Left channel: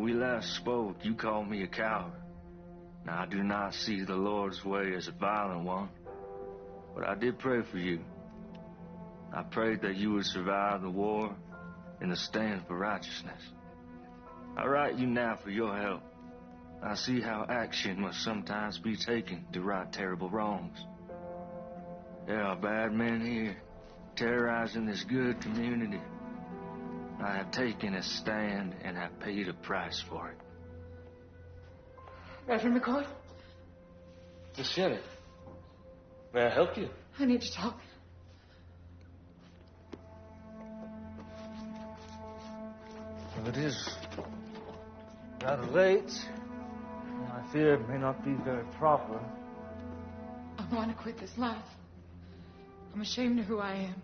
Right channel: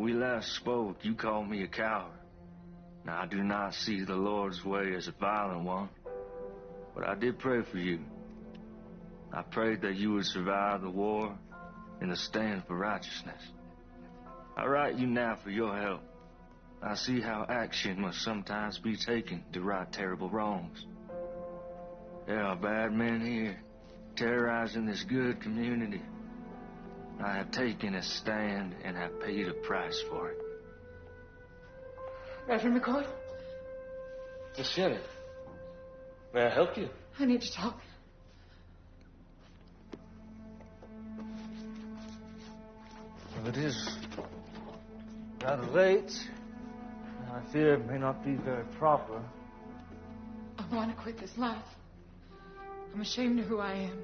When we last spoke, you called me a coward. Now, I do not see the Lord's way as a violent one, but I did pray for you. I prayed that you would survive the war and the stand for righteousness. I write you now for your help. I see how action must sometimes be taken to right terrible wrongs. There are bad men here, terrorizing this good community. I have taken a stand and have paid a price for it. Reverend McCoy? Miss Jenny, may I help you? I need to talk. Well, it is rather late. I fear it may not be very proper. I want to quit this life. I'm ashamed of who I am.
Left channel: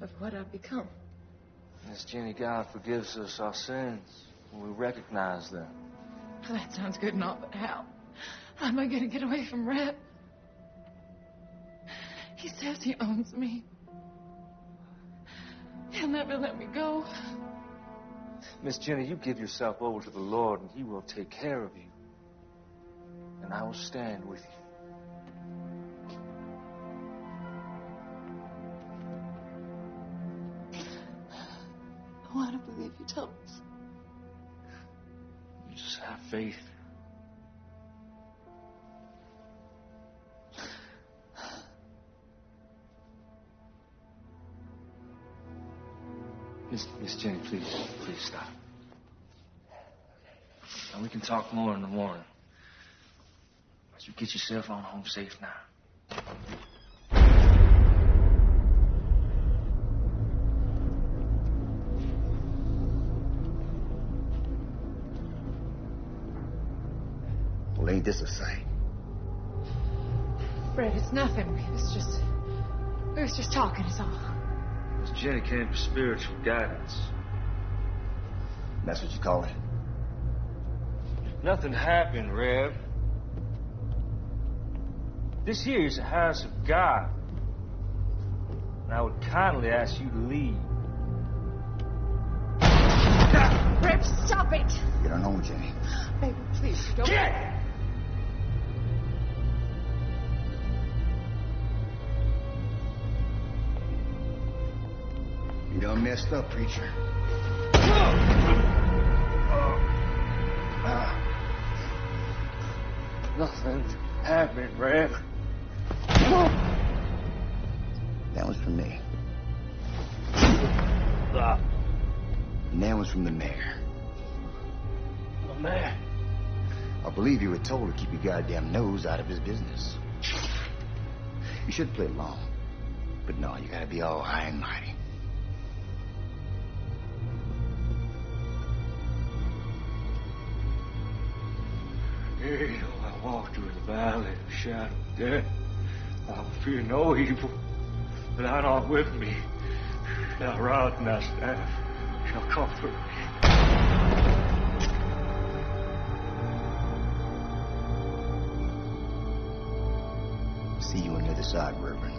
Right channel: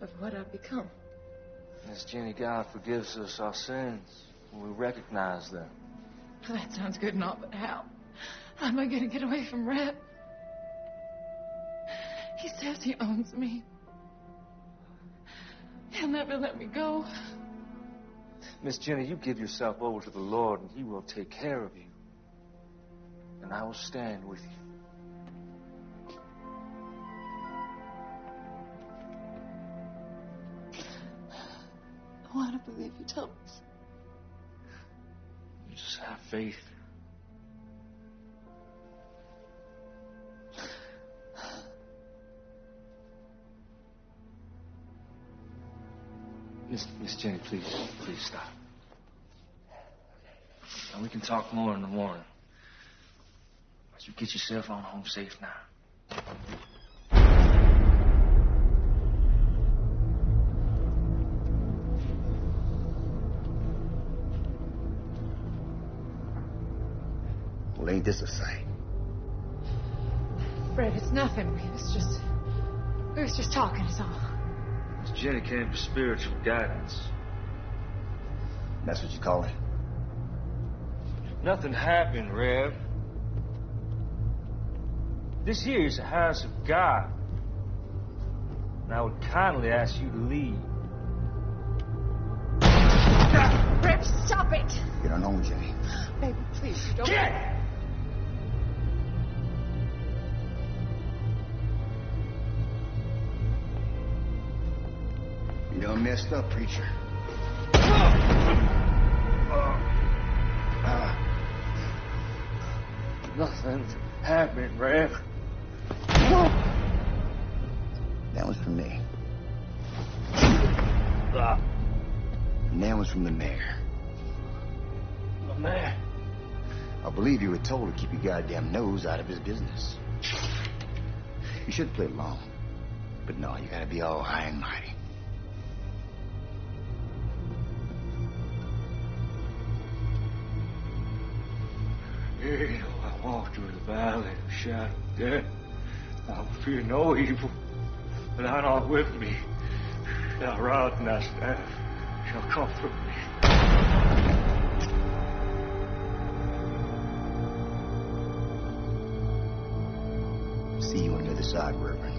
Of what I've become. Miss Jenny, God forgives us our sins when we recognize them. That sounds good and all, but how? How am I going to get away from Red? He says he owns me. He'll never let me go. Miss Jenny, you give yourself over to the Lord and He will take care of you. And I will stand with you. I want to believe you, Thomas. You just have faith. Miss Jenny, please stop. And we can talk more in the morning. But you get yourself on home safe now. Well, ain't this a sight? Fred, it's nothing. We was just talking, is all. Miss Jenny came for spiritual guidance. That's what you call it? Nothing happened, Rev. This here is the house of God. And I would kindly ask you to leave. Rev, stop it! Get on home, Jenny. Baby, please, you don't... Get! You done messed up, preacher. Nothing happened, Rev. That was from me. Ah, And that was from the mayor. the man. I believe you were told to keep your goddamn nose out of his business. You should play along. But no, you gotta be all high and mighty. Yea, though I walk through the valley of the shadow of death, I will fear no evil, for thou art with me. Thy rod and thy staff shall comfort me. See you on the other side, Reverend.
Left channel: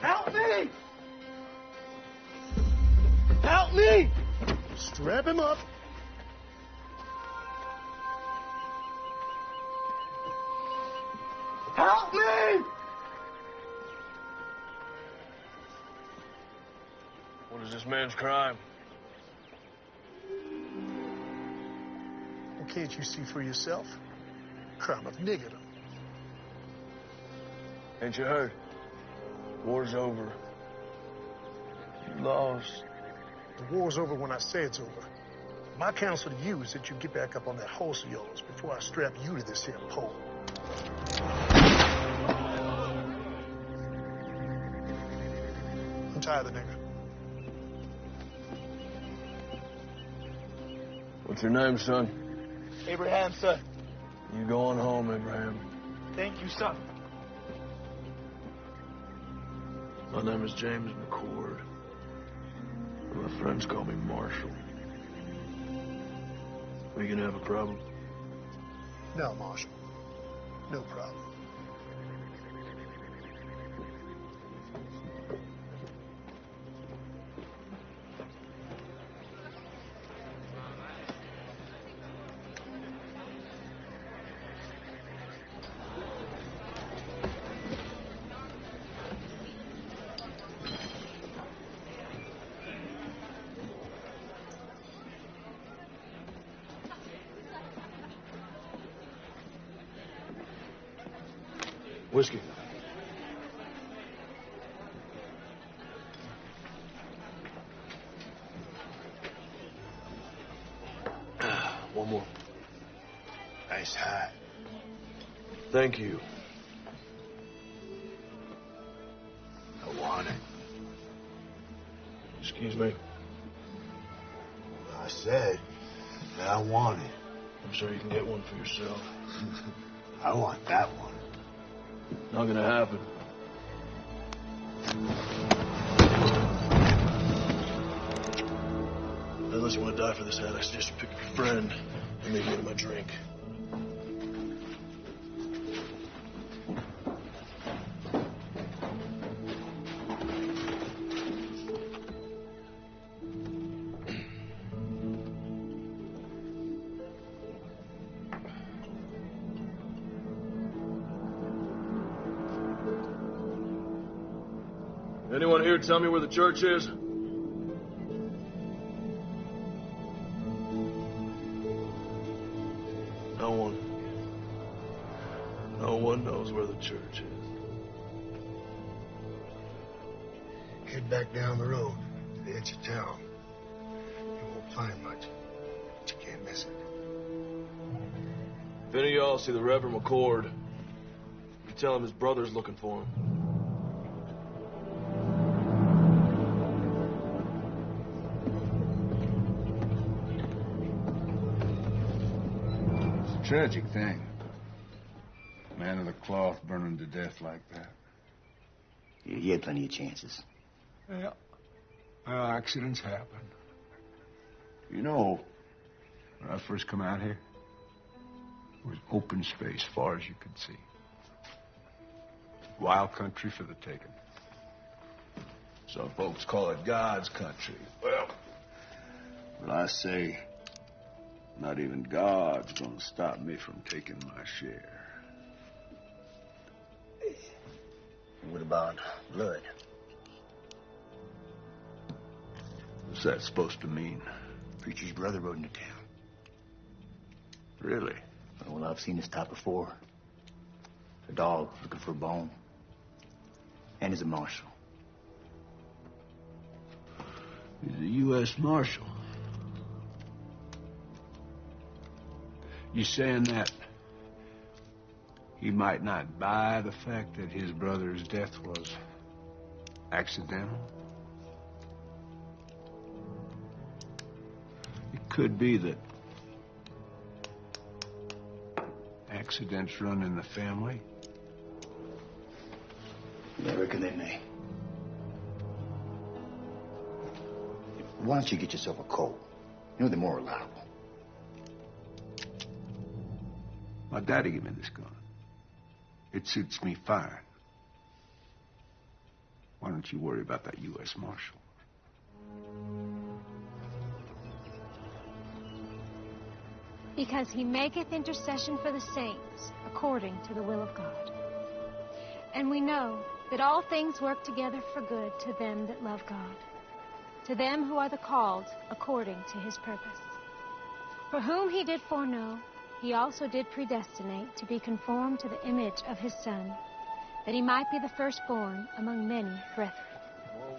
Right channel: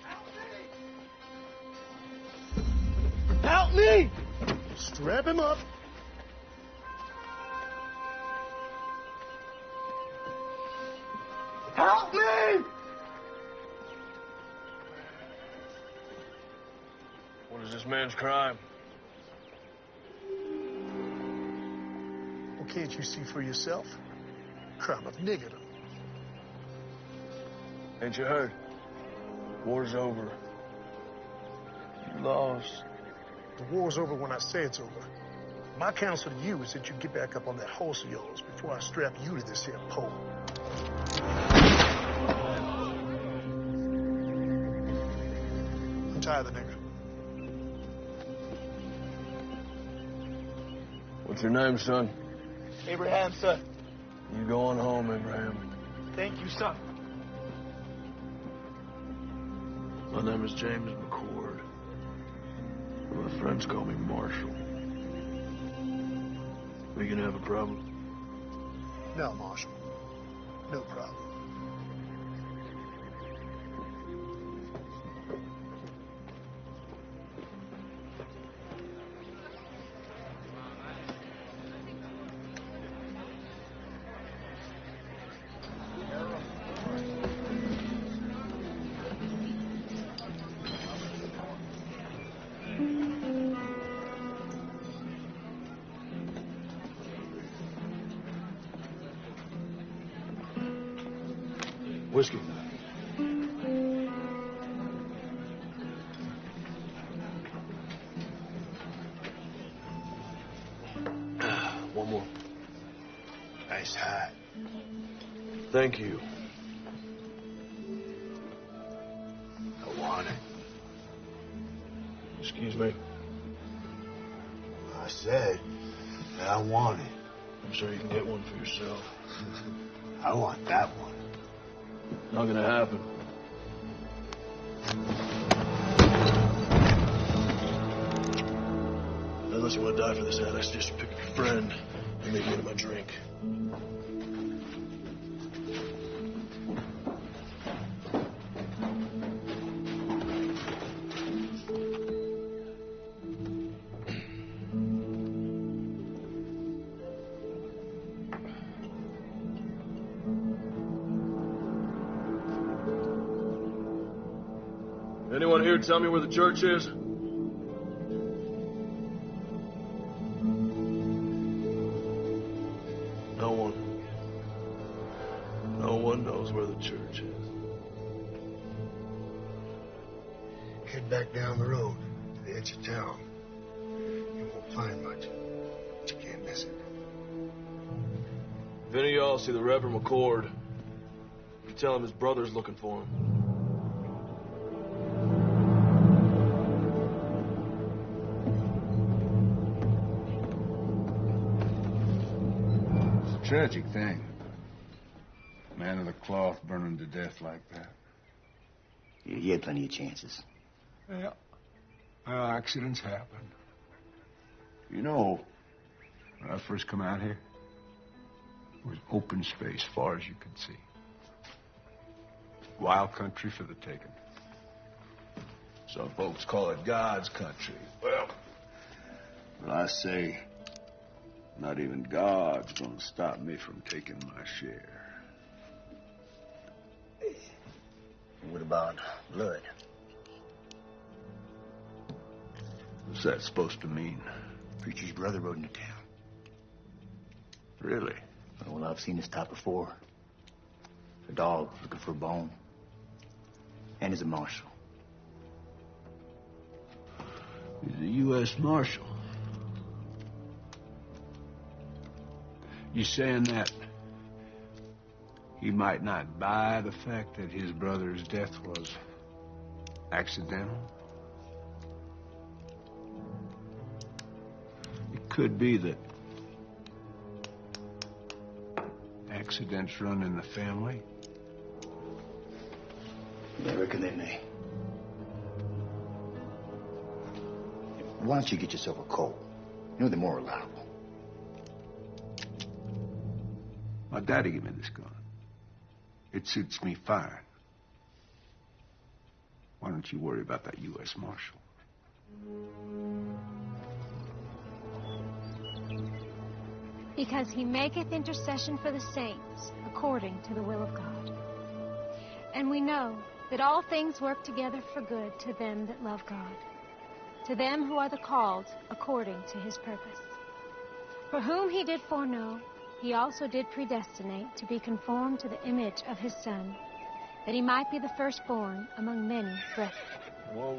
Help me! Help me! Strap him up. Help me! What is this man's crime? Well, can't you see for yourself? Crime of niggerdom. Ain't you heard? War's over. You lost. The war's over when I say it's over. My counsel to you is that you get back up on that horse of yours before I strap you to this here pole. Untie the nigger. What's your name, son? Abraham, sir. You going home, Abraham. Thank you, sir. My name is James McCord. My friends call me Marshall. We gonna have a problem? No, Marshal. No problem. Whiskey. One more. Nice hat. Thank you. I want it. Excuse me. I said that I want it. I'm sure you can get one for yourself. I want that one. Not gonna happen. Unless you want to die for this hat, I suggest you pick up your friend and maybe get him a drink. Anyone here tell me where the church is? No one. No one knows where the church is. Head back down the road to the edge of town. You won't find much, but you can't miss it. If any of y'all see the Reverend McCord, you tell him his brother's looking for him. Tragic thing. Man of the cloth burning to death like that. You had plenty of chances. Yeah. Well, accidents happen. You know, when I first come out here, it was open space far as you could see. Wild country for the taking. Some folks call it God's country. Well, I say, not even God's gonna stop me from taking my share. What about blood? What's that supposed to mean? Preacher's brother rode into town. Really? Well, I've seen this type before. A dog looking for a bone. And he's a marshal. He's a U.S. Marshal. You saying that he might not buy the fact that his brother's death was accidental? It could be that accidents run in the family. I reckon they may. Why don't you get yourself a coat? You know, they're more reliable. My daddy gave me this gun. It suits me fine. Why don't you worry about that U.S. Marshal? Because he maketh intercession for the saints, according to the will of God. And we know that all things work together for good to them that love God, to them who are the called according to his purpose. For whom he did foreknow, he also did predestinate to be conformed to the image of his Son, that he might be the firstborn among many brethren. Whoa.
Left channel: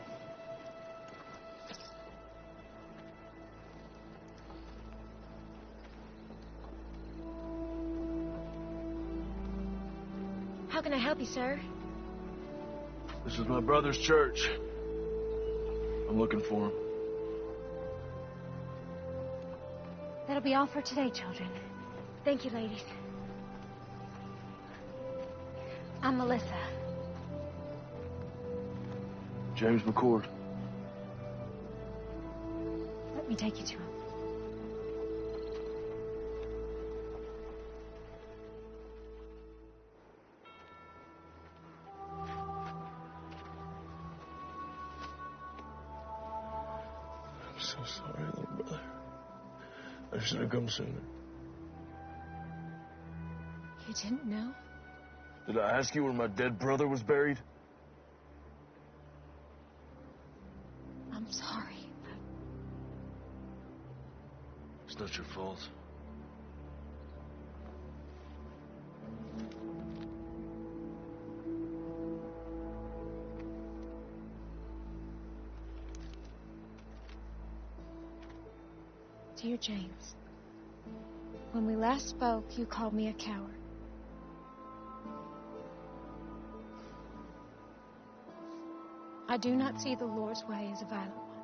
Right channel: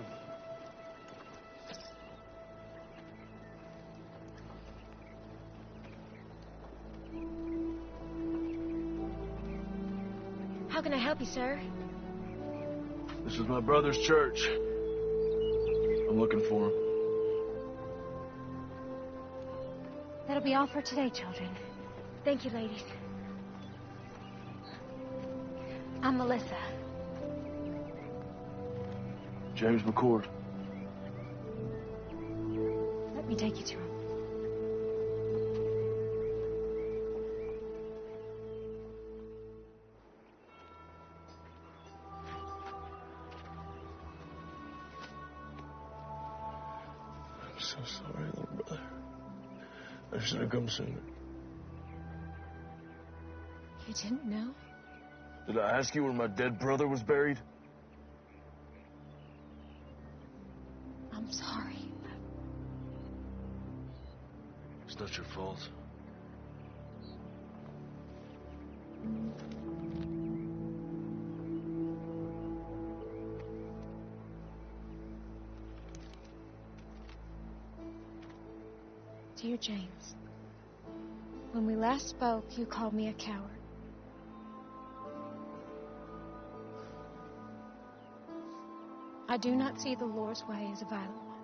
How can I help you, sir? This is my brother's church. I'm looking for him. That'll be all for today, children. Thank you, ladies. I'm Melissa. James McCord. Let me take you to him. I'm so sorry, little brother. I should have come sooner. You didn't know? Did I ask you where my dead brother was buried? I'm sorry. It's not your fault. Dear James, when we last spoke, you called me a coward. I do not see the Lord's way as a violent one.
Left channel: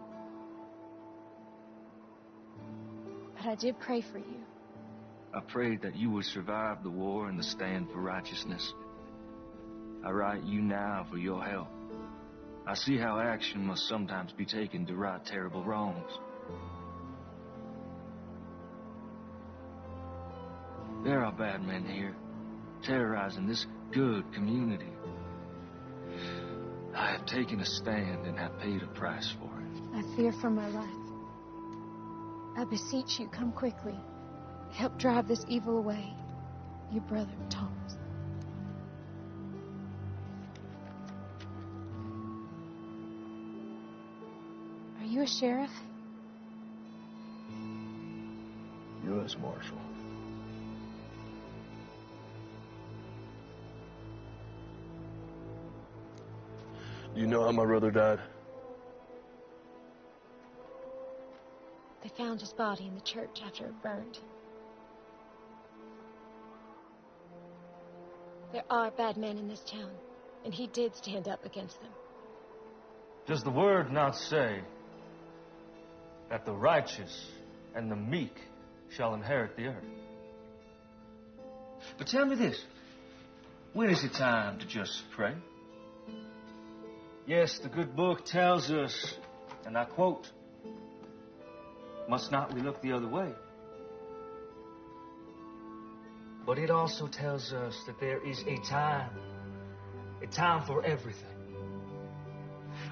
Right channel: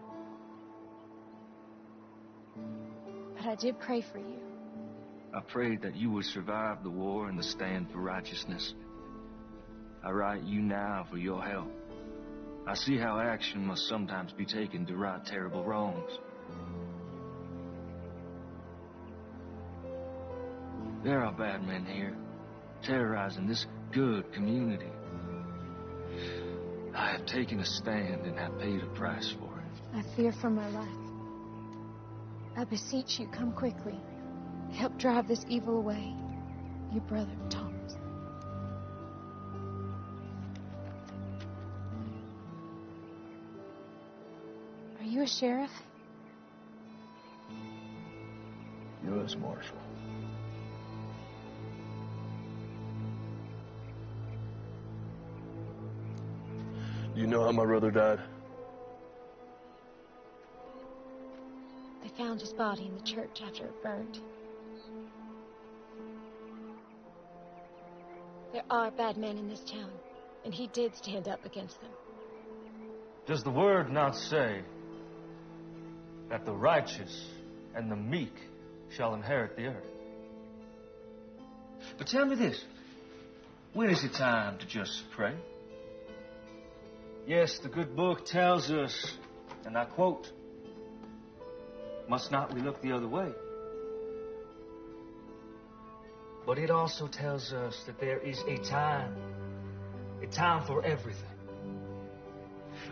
But I did pray for you. I prayed that you would survive the war and the stand for righteousness. I write you now for your help. I see how action must sometimes be taken to right terrible wrongs. There are bad men here, terrorizing this good community. I have taken a stand and have paid a price for it. I fear for my life. I beseech you, come quickly. Help drive this evil away. Your brother, Thomas. Are you a sheriff? U.S. Marshal. Do you know how my brother died? They found his body in the church after it burned. There are bad men in this town, and he did stand up against them. Does the word not say that the righteous and the meek shall inherit the earth? But tell me this, when is it time to just pray? Yes, the good book tells us, and I quote, must not we look the other way? But it also tells us that there is a time for everything.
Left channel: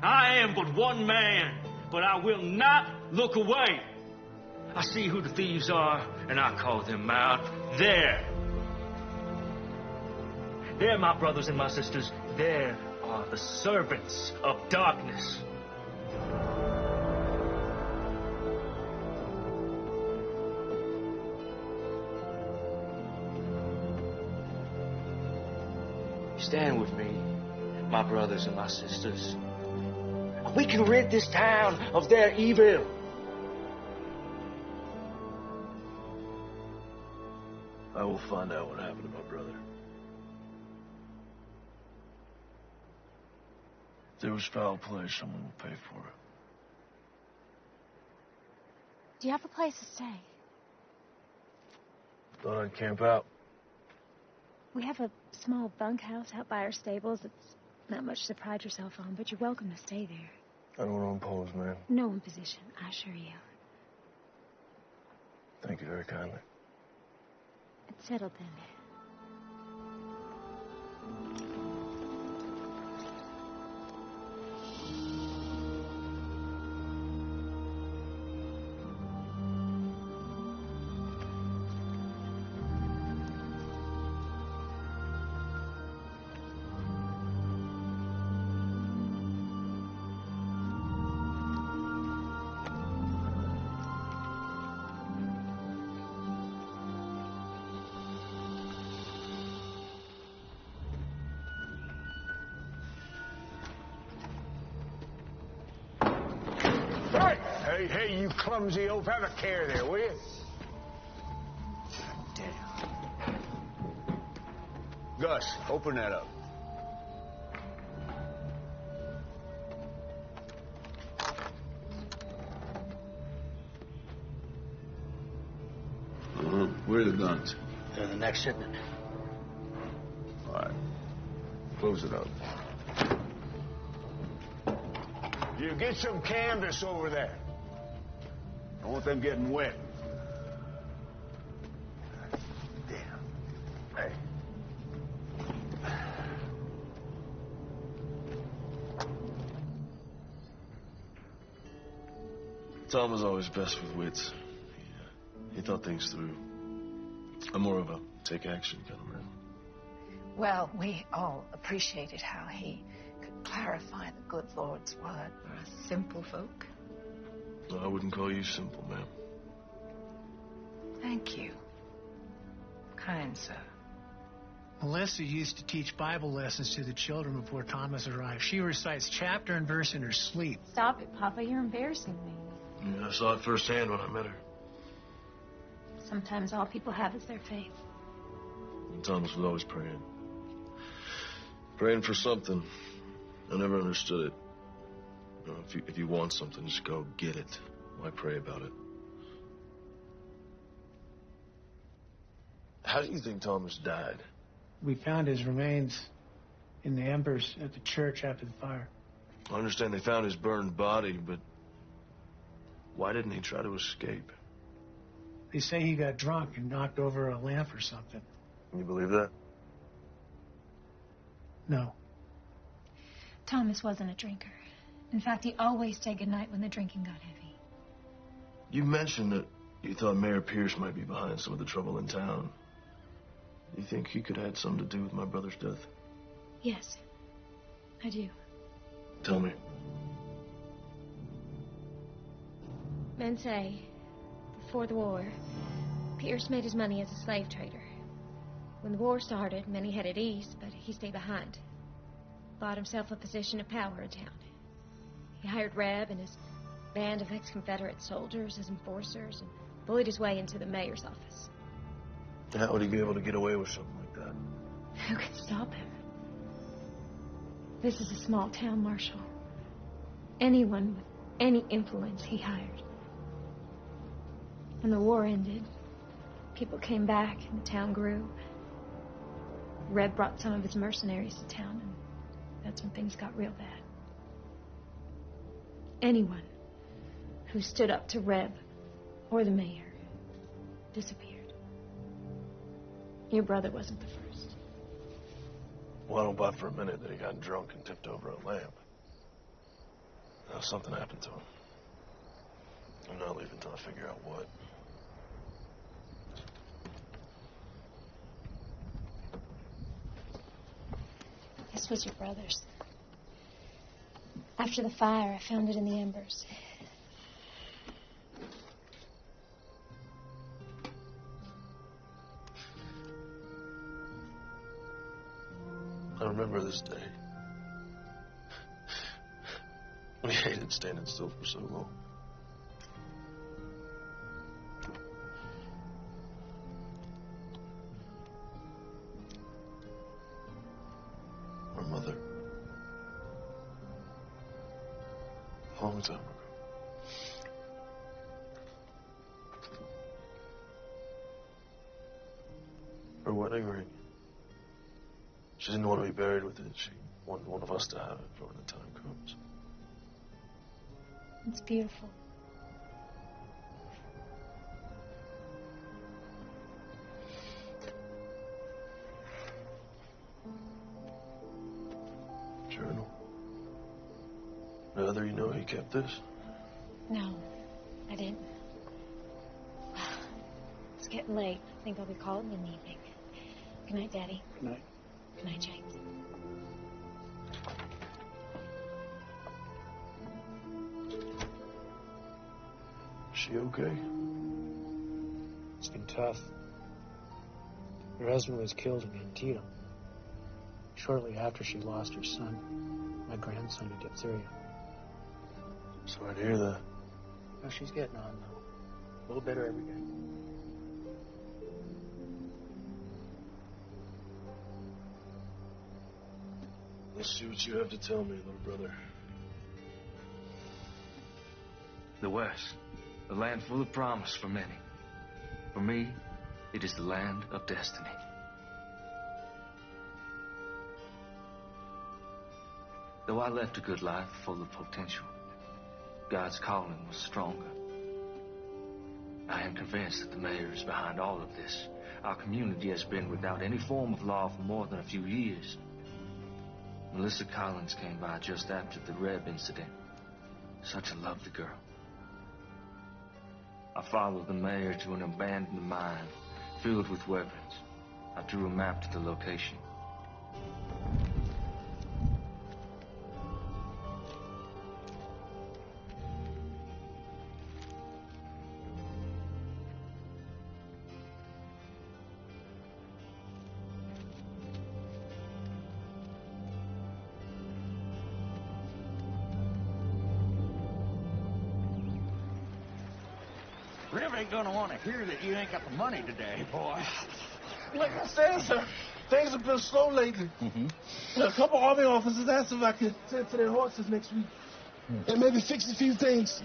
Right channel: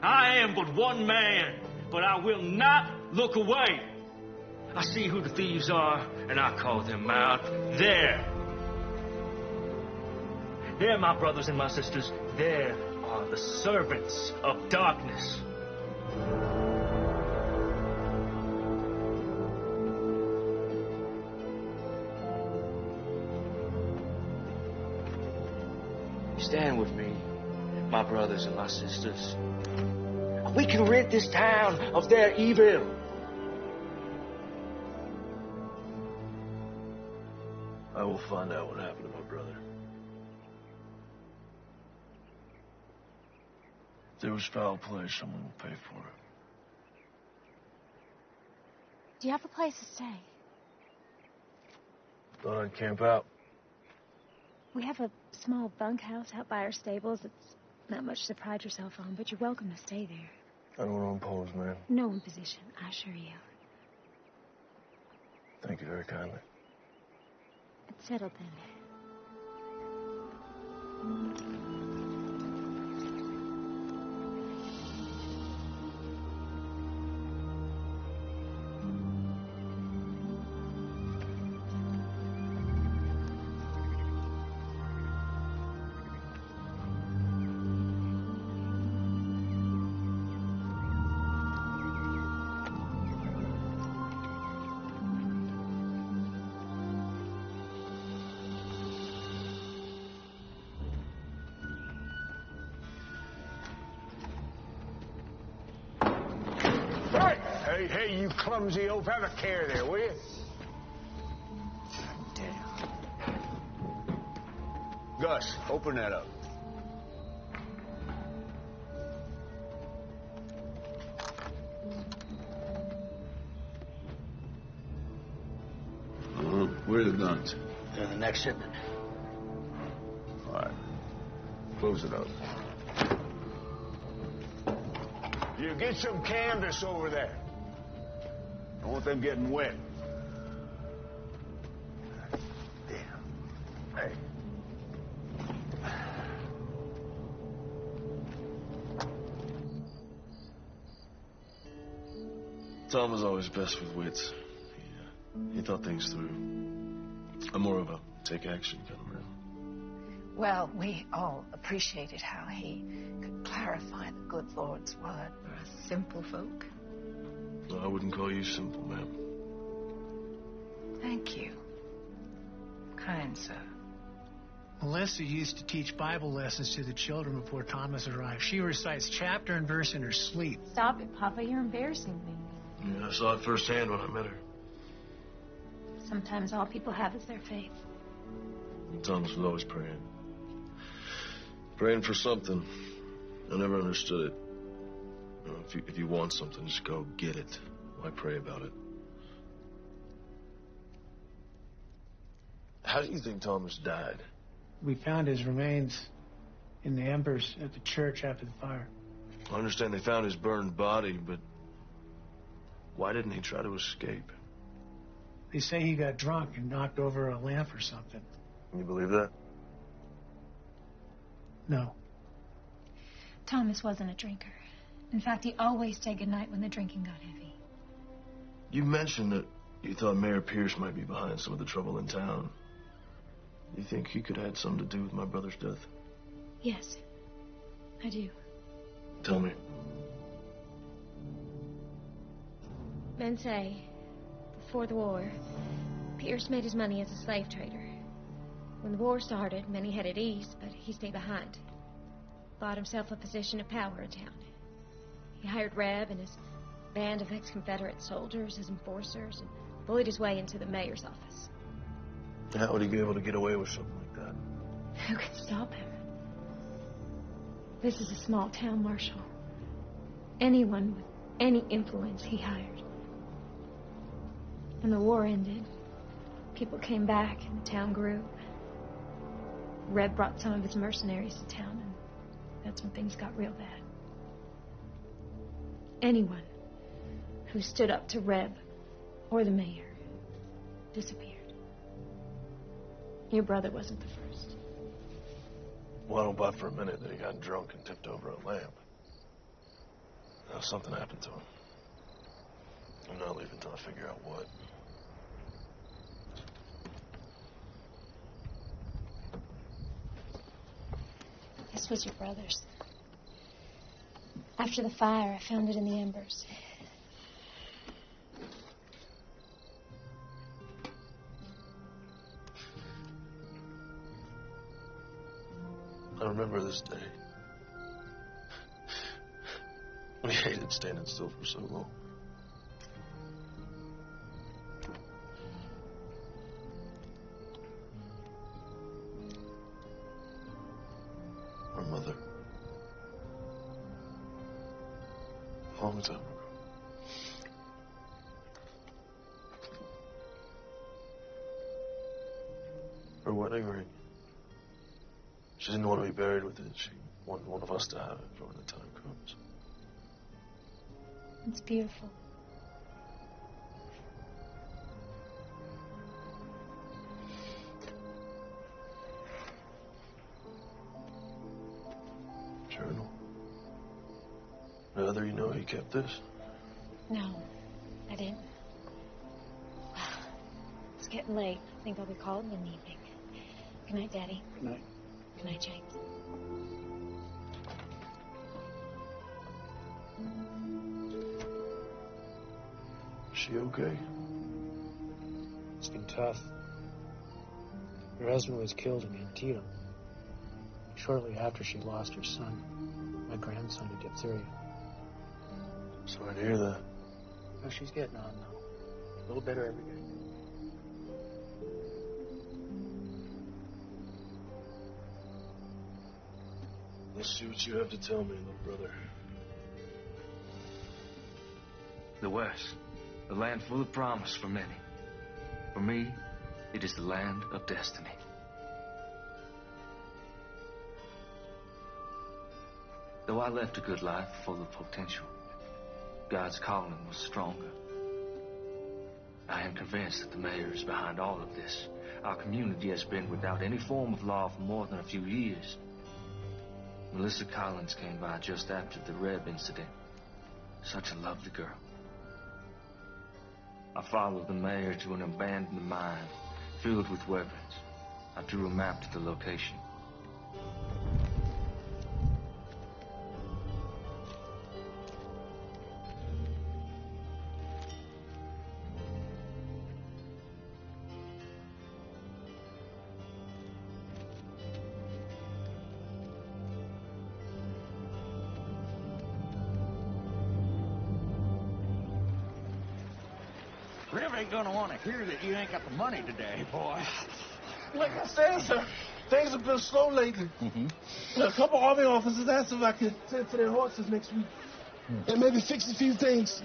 I am but one man, but I will not look away. I see who the thieves are, and I call them out. There, my brothers and my sisters, there are the servants of darkness. Stand with me, my brothers and my sisters. We can rid this town of their evil. I will find out what happened to my brother. If there was foul play, someone will pay for it. Do you have a place to stay? Thought I'd camp out. We have a small bunkhouse out by our stables. It's not much to pride yourself on, but you're welcome to stay there. I don't want to impose, man. No imposition, I assure you. Thank you very kindly. It's settled then. Hey, you clumsy oaf. Have a care there, will you? Damn. Gus, open that up. Where are the guns? They're the next shipment. All right. Close it up. You get some canvas over there. I want them getting wet. Damn. Hey. Tom was always best with wits. He thought things through. I'm more of a take action kind of man. Well, we all appreciated how he could clarify the good Lord's word for us simple folk. No, I wouldn't call you simple, ma'am. Thank you, kind sir. Melissa used to teach Bible lessons to the children before Thomas arrived. She recites chapter and verse in her sleep. Stop it, Papa. You're embarrassing me. Yeah, I saw it firsthand when I met her. Sometimes all people have is their faith. And Thomas was always praying. Praying for something. I never understood it. You know, if you want something, just go get it. Why pray about it? How do you think Thomas died? We found his remains in the embers at the church after the fire. I understand they found his burned body, but why didn't he try to escape? They say he got drunk and knocked over a lamp or something. You believe that? No. Thomas wasn't a drinker. In fact, he always said goodnight when the drinking got heavy. You mentioned that you thought Mayor Pierce might be behind some of the trouble in town. Do you think he could have had something to do with my brother's death? Yes, I do. Tell me. Men say, before the war, Pierce made his money as a slave trader. When the war started, many headed east, but he stayed behind. Bought himself a position of power in town. He hired Reb and his band of ex-Confederate soldiers as enforcers and bullied his way into the mayor's office. How would he be able to get away with something like that? Who could stop him? This is a small town, Marshal. Anyone with any influence he hired. When the war ended, people came back and the town grew. Reb brought some of his mercenaries to town, and that's when things got real bad. Anyone who stood up to Reb or the mayor disappeared. Your brother wasn't the first. Well, I don't buy for a minute that he got drunk and tipped over a lamp. Now, something happened to him. I'm not leaving until I figure out what. This was your brother's. After the fire, I found it in the embers. I remember this day. We hated standing still for so long. Our mother. A long time ago. Her wedding ring. She didn't want to be buried with it. She wanted one of us to have it for when the time comes. It's beautiful. Journal. Now, you know he kept this? No, I didn't. It's getting late. I think I'll be calling in the evening. Good night, Daddy. Good night. Good night, James. Is she okay? It's been tough. Her husband was killed in Antietam. Shortly after she lost her son, my grandson, to diphtheria. Sorry to hear that. Well, she's getting on, though. A little better every day. Let's see what you have to tell me, little brother. The West, a land full of promise for many. For me, it is the land of destiny. Though I left a good life full of potential, God's calling was stronger. I am convinced that the mayor is behind all of this. Our community has been without any form of law for more than a few years. Melissa Collins came by just after the Reb incident. Such a lovely girl. I followed the mayor to an abandoned mine filled with weapons. I drew a map to the location. Rev ain't gonna want to hear that you ain't got the money today, boy. Like I said, sir, things have been slow lately. A couple Army officers asked if I could tend to their horses next week. And maybe fix a few things.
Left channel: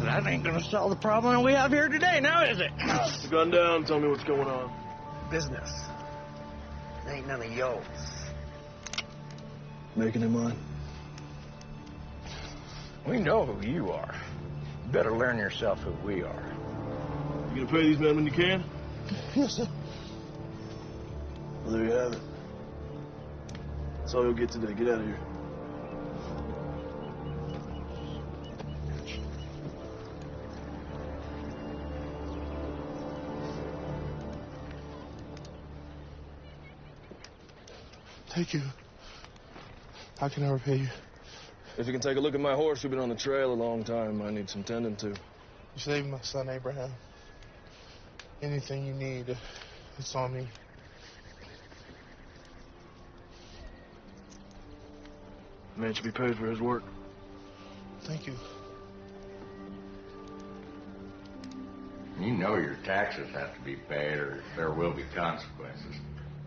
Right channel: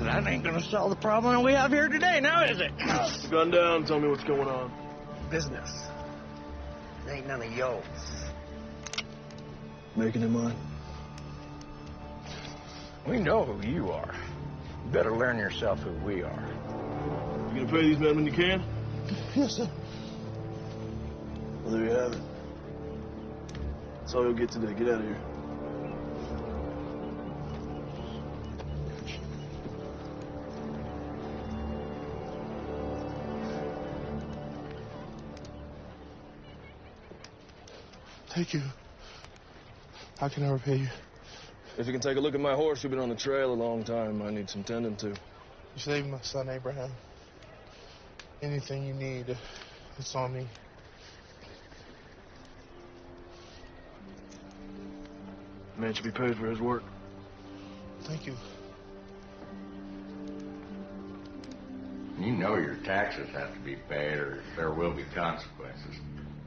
That ain't gonna solve the problem we have here today, now is it? Put the gun down, tell me what's going on. Business. It ain't none of yours. Making it mine. We know who you are. You better learn yourself who we are. You gonna pay these men when you can? Yes, sir. Well, there you have it. That's all you'll get today. Get out of here. Thank you. How can I repay you? If you can take a look at my horse, we've been on the trail a long time. I need some tending to. You saved my son, Abraham. Anything you need, it's on me. The man should be paid for his work. Thank you. You know your taxes have to be paid or there will be consequences.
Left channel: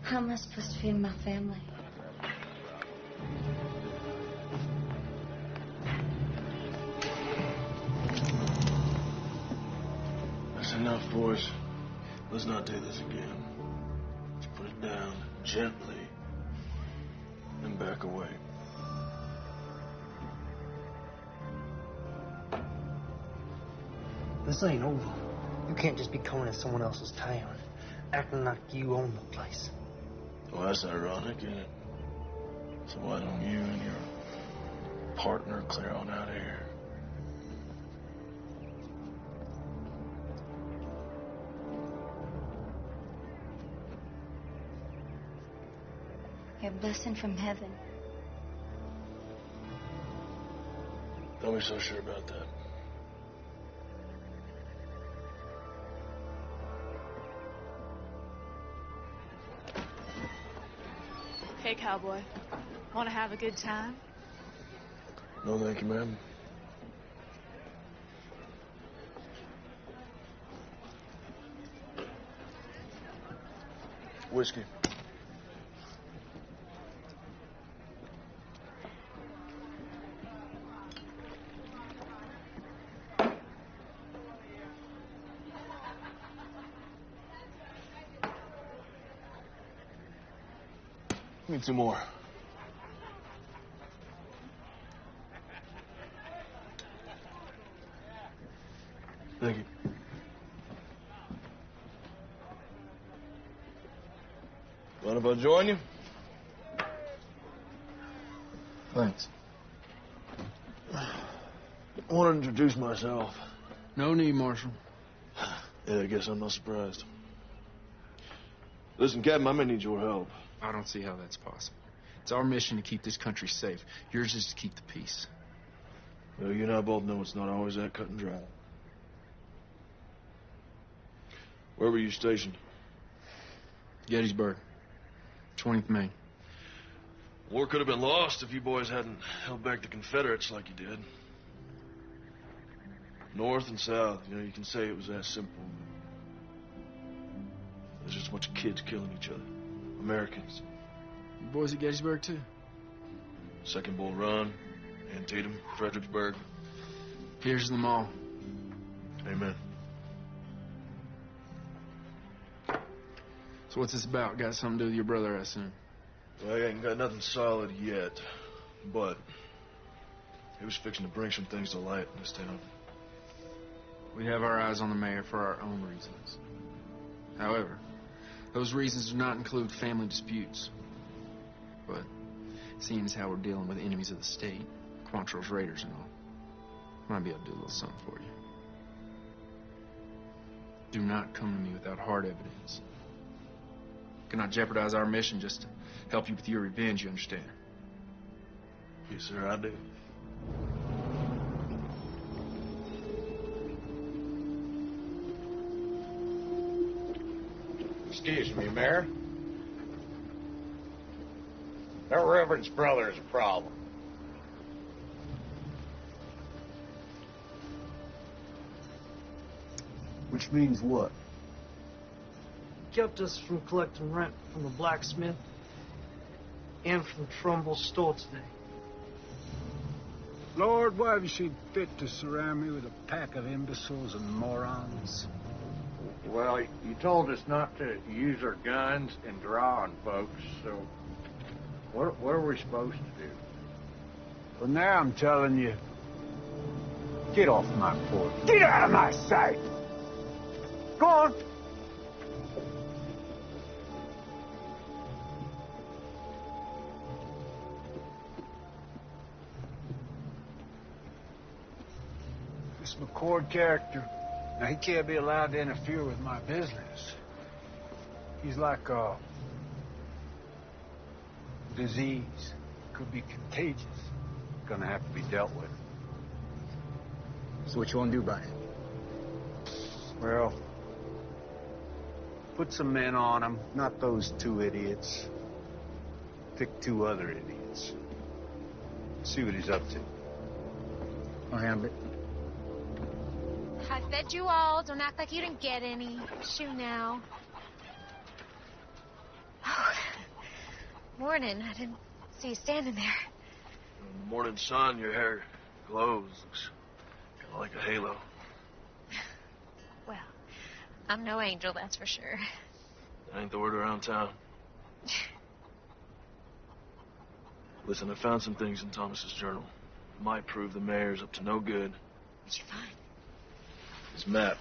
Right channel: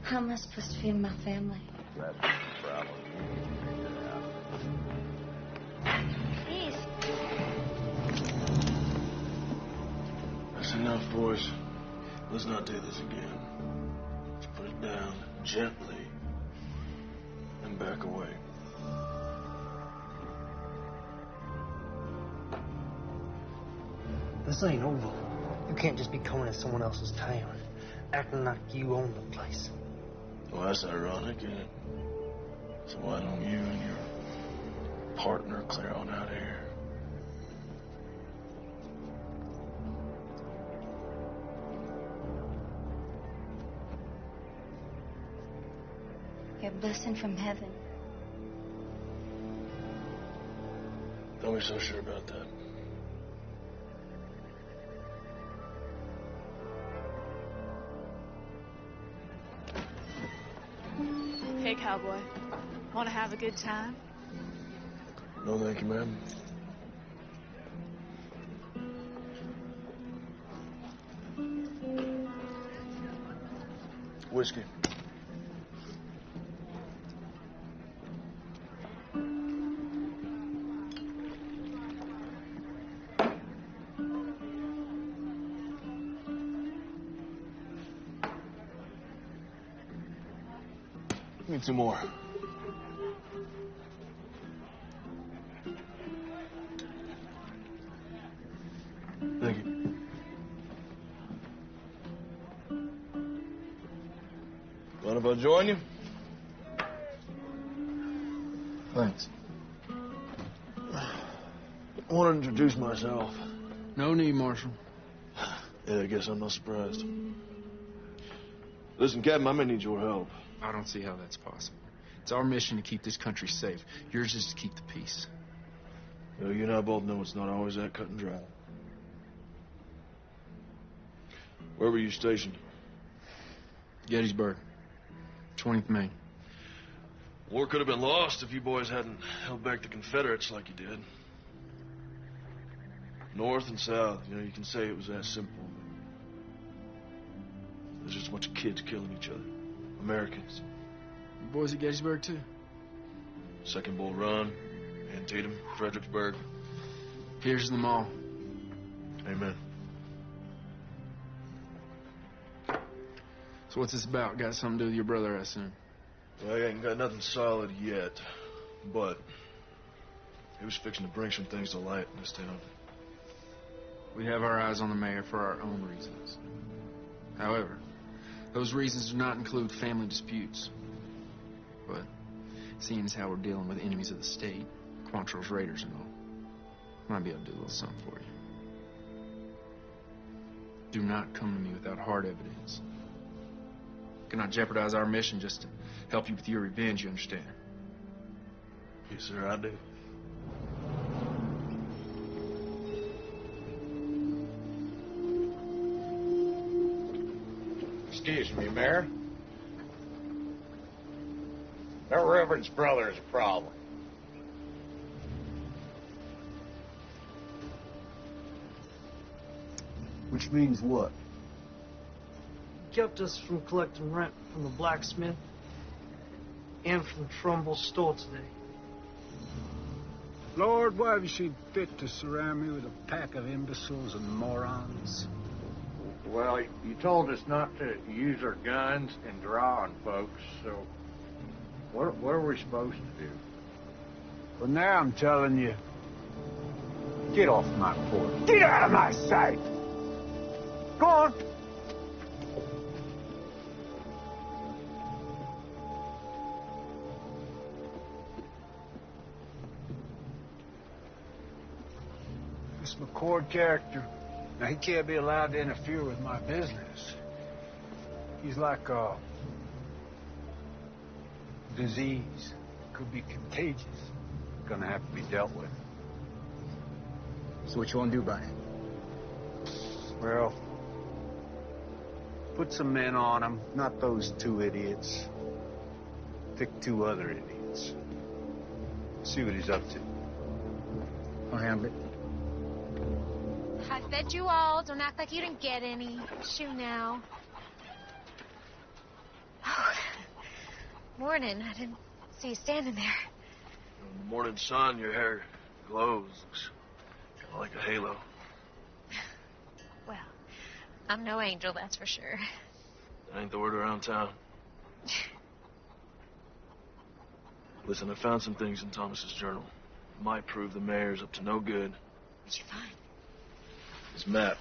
How am I supposed to feed my family? That's the problem. Please. That's enough, boys. Let's not do this again. Let's put it down gently and back away. This ain't over. You can't just be coming to someone else's town, acting like you own the place. Well, that's ironic, isn't it? So why don't you and your partner clear on out of here? Your blessing from heaven. Don't be so sure about that. Hey, Cowboy. Want to have a good time? No, thank you, ma'am. Whiskey. Need some more. Thank you. Mind if I join you? Thanks. I want to introduce myself. No need, Marshal. Yeah, I guess I'm not surprised. Listen, Captain, I may need your help. I don't see how that's possible. It's our mission to keep this country safe. Yours is to keep the peace. You know, you and I both know it's not always that cut and dry. Where were you stationed? Gettysburg, 20th Maine. War could have been lost if you boys hadn't held back the Confederates like you did. North and south, you can say it was that simple. There's just a bunch of kids killing each other. Americans. You boys at Gettysburg, too? Second Bull Run, Antietam, Fredericksburg. Here's them all. Amen. So what's this about? Got something to do with your brother, I assume? Well, I ain't got nothing solid yet, but he was fixing to bring some things to light in this town. We have our eyes on the mayor for our own reasons. However, those reasons do not include family disputes. But seeing as how we're dealing with enemies of the state, Quantrill's raiders and all, might be able to do a little something for you. Do not come to me without hard evidence. Cannot jeopardize our mission just to help you with your revenge, you understand? Yes, sir, I do. Excuse me, Mayor. Their reverend's brother is a problem. Which means what? He kept us from collecting rent from the blacksmith and from Trumbull's store today. Lord, why have you seen fit to surround me with a pack of imbeciles and morons? Well, you told us not to use our guns and draw on folks, so what are we supposed to do? Well, now I'm telling you, get off my porch. Get out of my sight! Go on! This McCord character, now he can't be allowed to interfere with my business. He's like a disease. Could be contagious. Gonna have to be dealt with. So what you want to do about it? Well, put some men on him, not those two idiots. Pick two other idiots. See what he's up to. I'll handle it. I fed you all. Don't act like you didn't get any. Shoo now. Oh, morning. I didn't see you standing there. In the morning sun, your hair glows. Looks kind of like a halo. Well, I'm no angel, that's for sure. That ain't the word around town. Listen, I found some things in Thomas's journal. Might prove the mayor's up to no good. What'd you find? His map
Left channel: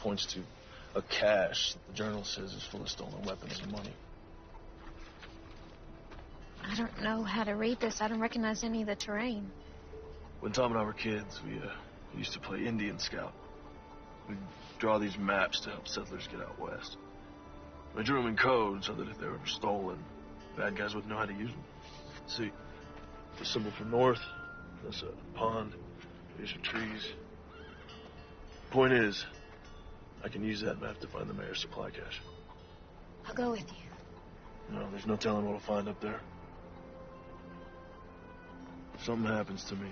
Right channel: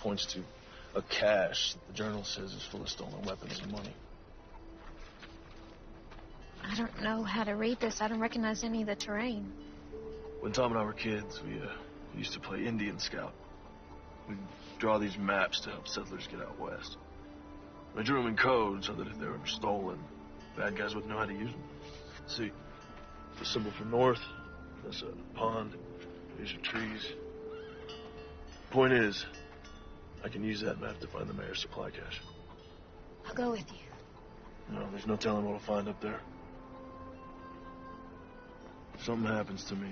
points to a cache that the journal says is full of stolen weapons and money. I don't know how to read this. I don't recognize any of the terrain. When Tom and I were kids, we used to play Indian Scout. We'd draw these maps to help settlers get out west. I drew them in code so that if they were stolen, bad guys wouldn't know how to use them. See, the symbol for north, that's a pond, these are trees. Point is, I can use that map to find the mayor's supply cache. I'll go with you. No, there's no telling what I'll find up there. If something happens to me,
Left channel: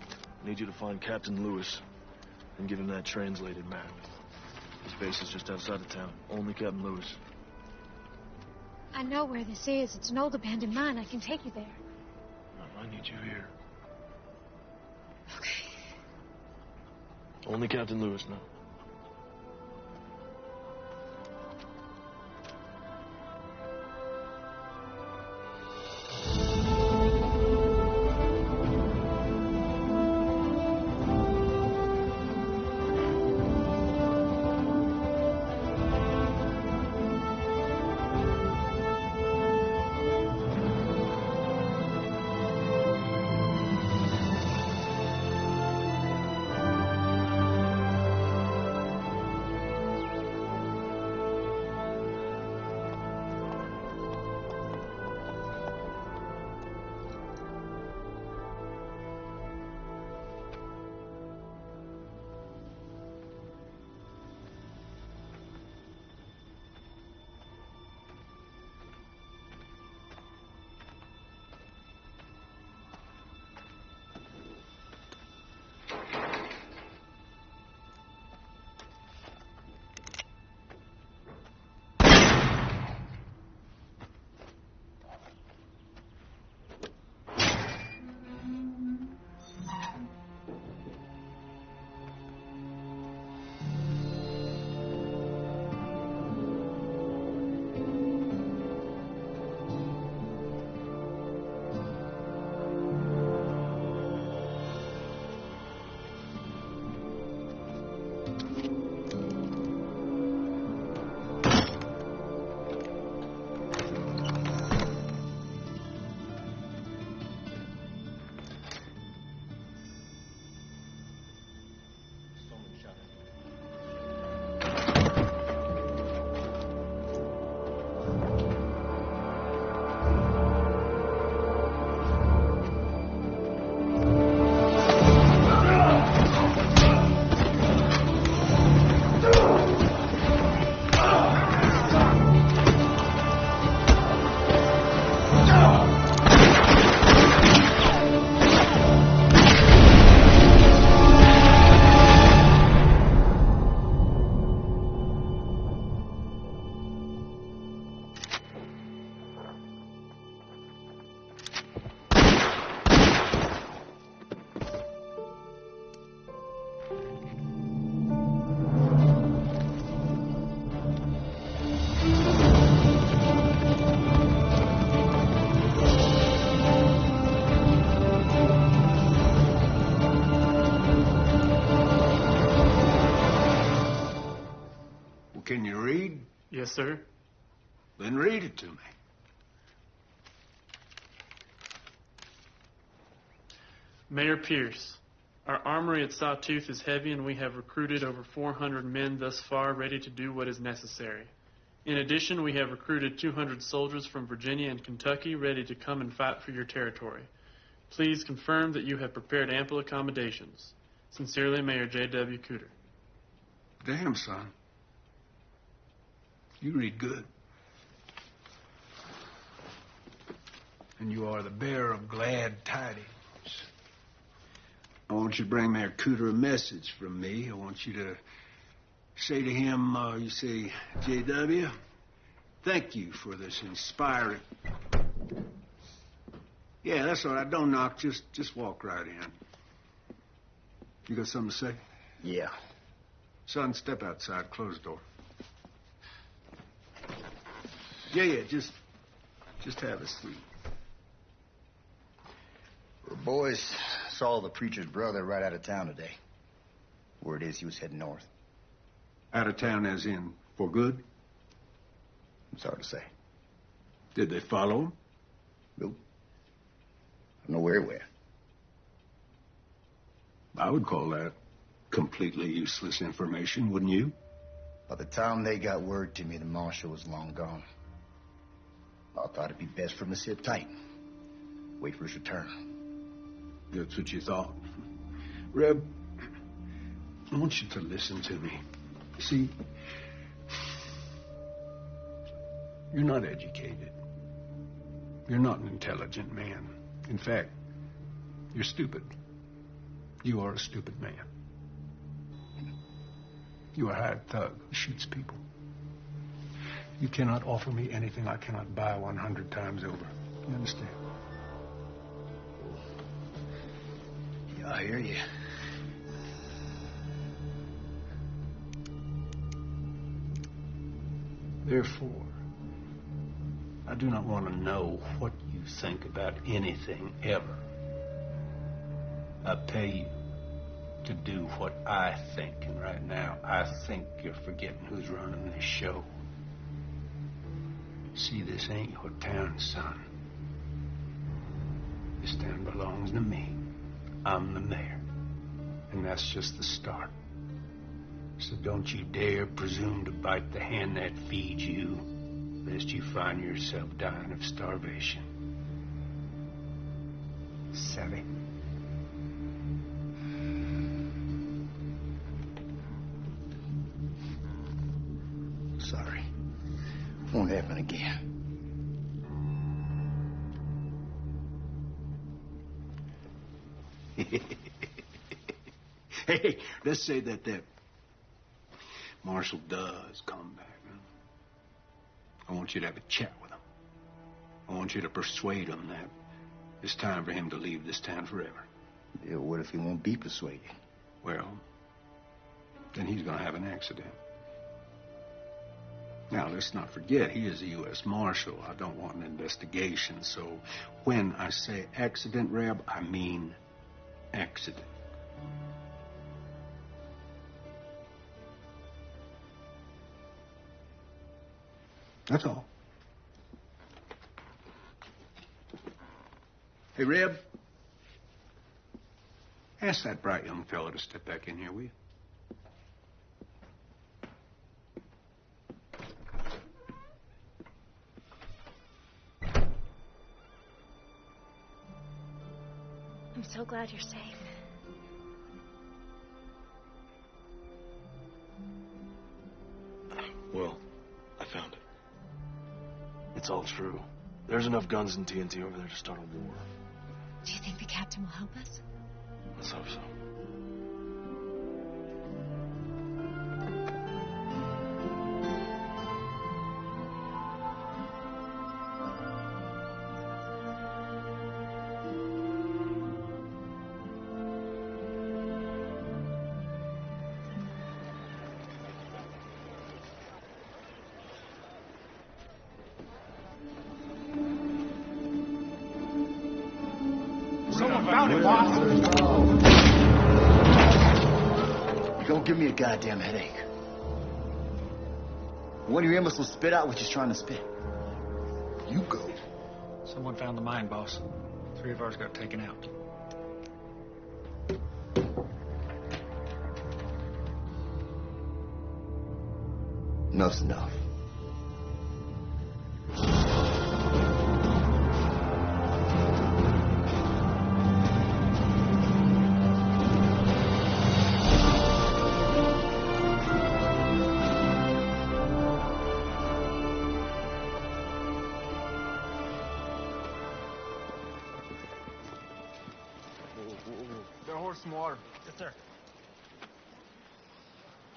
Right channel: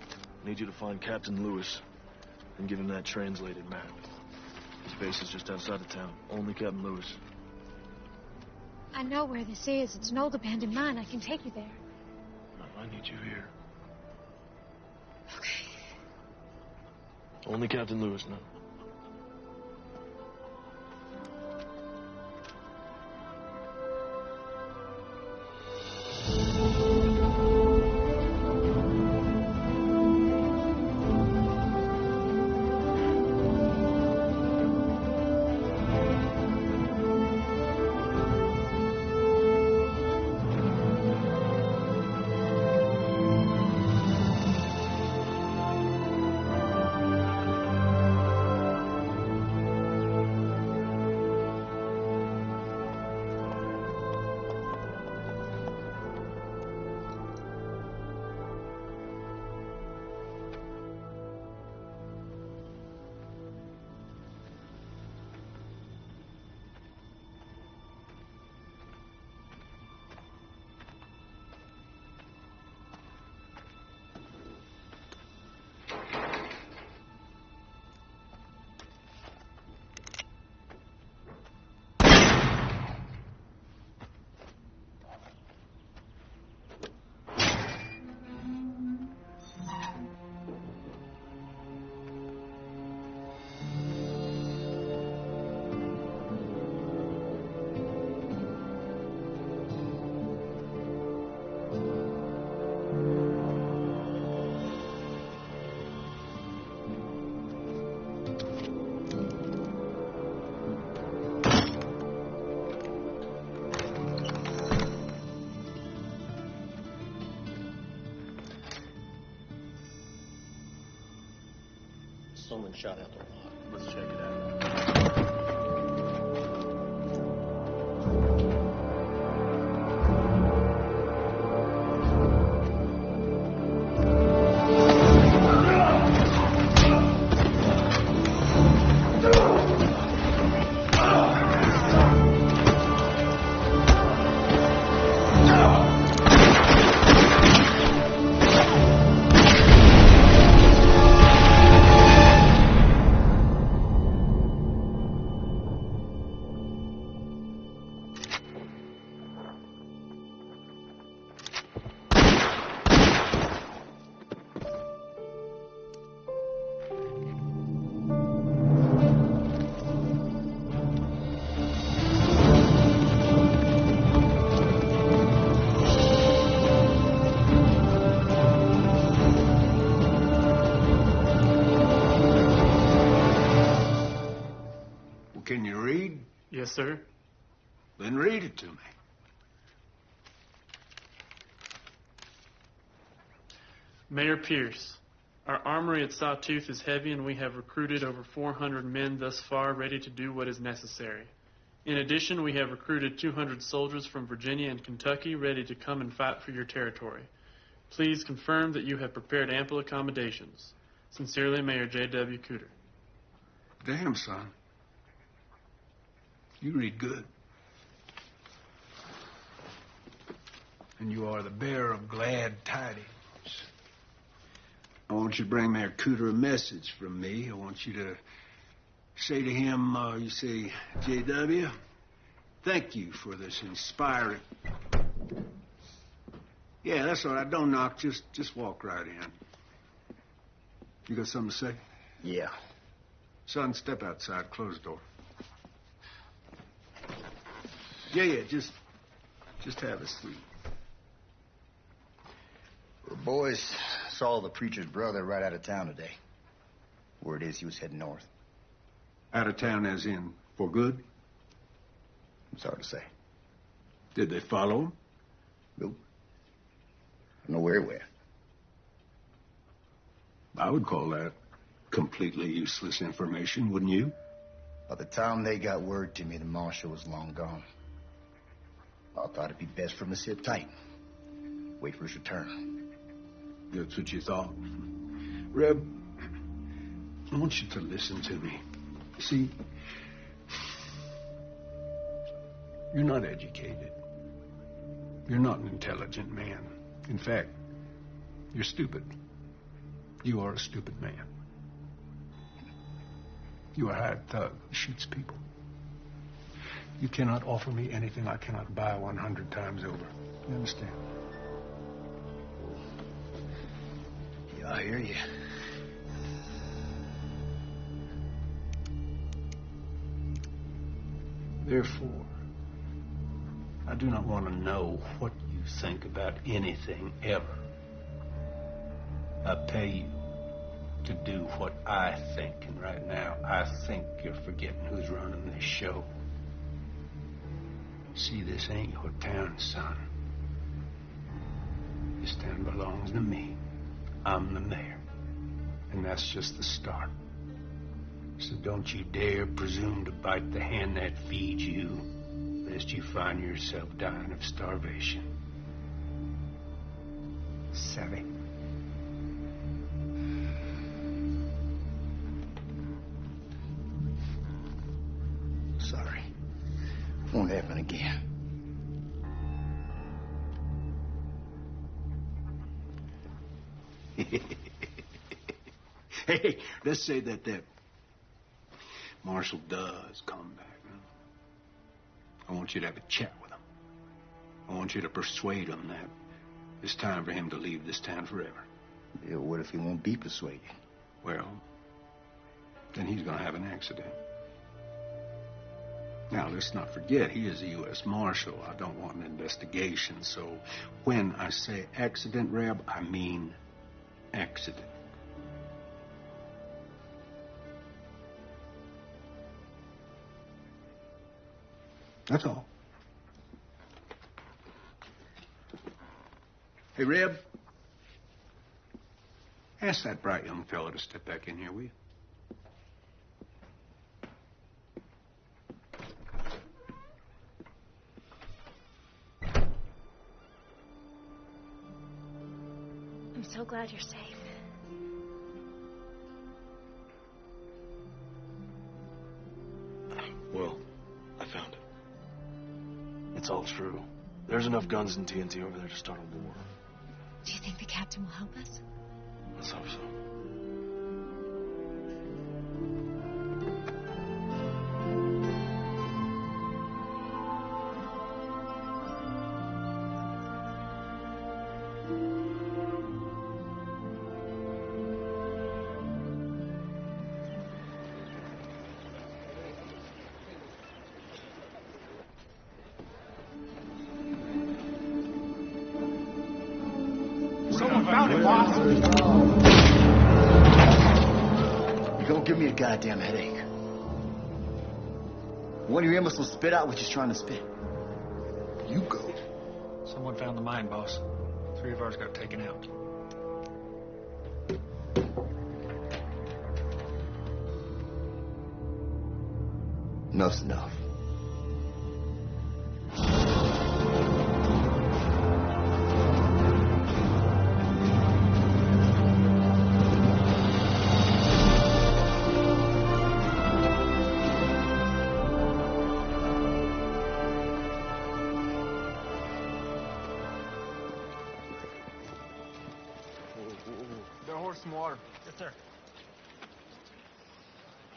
I need you to find Captain Lewis and give him that translated map. His base is just outside of town. Only Captain Lewis. I know where this is. It's an old abandoned mine. I can take you there. No, I need you here. Okay. Only Captain Lewis knows. someone shot out the lot. Let's check it out. Can you read? Yes, sir. Then read it to me. Mayor Pierce, our armory at Sawtooth is heavy, and we have recruited over 400 men thus far ready to do what is necessary. In addition, we have recruited 200 soldiers from Virginia and Kentucky ready to come and fight for your territory. Please confirm that you have prepared ample accommodations. Sincerely, Mayor J.W. Cooter. Damn, son. You read good. And you are the bearer of glad tidings. I want you to bring Mayor Cooter a message from me. I want you to say to him, you say, J.W., thank you for this inspiring... Yeah, that's all right. Don't knock. Just walk right in. You got something to say? Yeah. Son, step outside. Close the door. Yeah, just have a seat. The boys saw the preacher's brother right out of town today. Word is he was heading north. Out of town as in for good? It's hard to say. Did they follow him? Nope. I don't know where he went. I would call that completely useless information, wouldn't you? By the time they got word to me, the marshal was long gone. I thought it'd be best for him to sit tight. Wait for his return. That's what you thought. Reb, I want you to listen to me. See, you're not educated. You're not an intelligent man. In fact, you're stupid. You are a stupid man. You are a hired thug who shoots people. You cannot offer me anything I cannot buy 100 times over. You understand? Yeah, I hear you. Therefore, I do not want to know what you think about anything ever. I pay you to do what I think, and right now, I think you're forgetting who's running this show. See, this ain't your town, son. This town belongs to me. I'm the mayor. And that's just the start. So don't you dare presume to bite the hand that feeds you, lest you find yourself dying of starvation. Savvy? Sorry. Won't happen again. Hey, let's say that Marshal does come back. Huh? I want you to have a chat with him. I want you to persuade him that it's time for him to leave this town forever. Yeah, what if he won't be persuaded? Well, then he's going to have an accident. Now, let's not forget, he is a U.S. Marshal. I don't want an investigation, so when I say accident, Reb, I mean accident. That's all. Hey, Reb, ask that bright young fella to step back in here, will you? I'm so glad you're safe. Well, I found it. It's all true. There's enough guns and TNT over there to start a war. Do you think the captain will help us? Let's hope so. Someone found it, boss. You're gonna give me a goddamn headache. One of your imbeciles will spit out what you're trying to spit. You go. Someone found the mine, boss. 3 of ours got taken out. Enough's enough. Got a horse, some water. Yes, sir.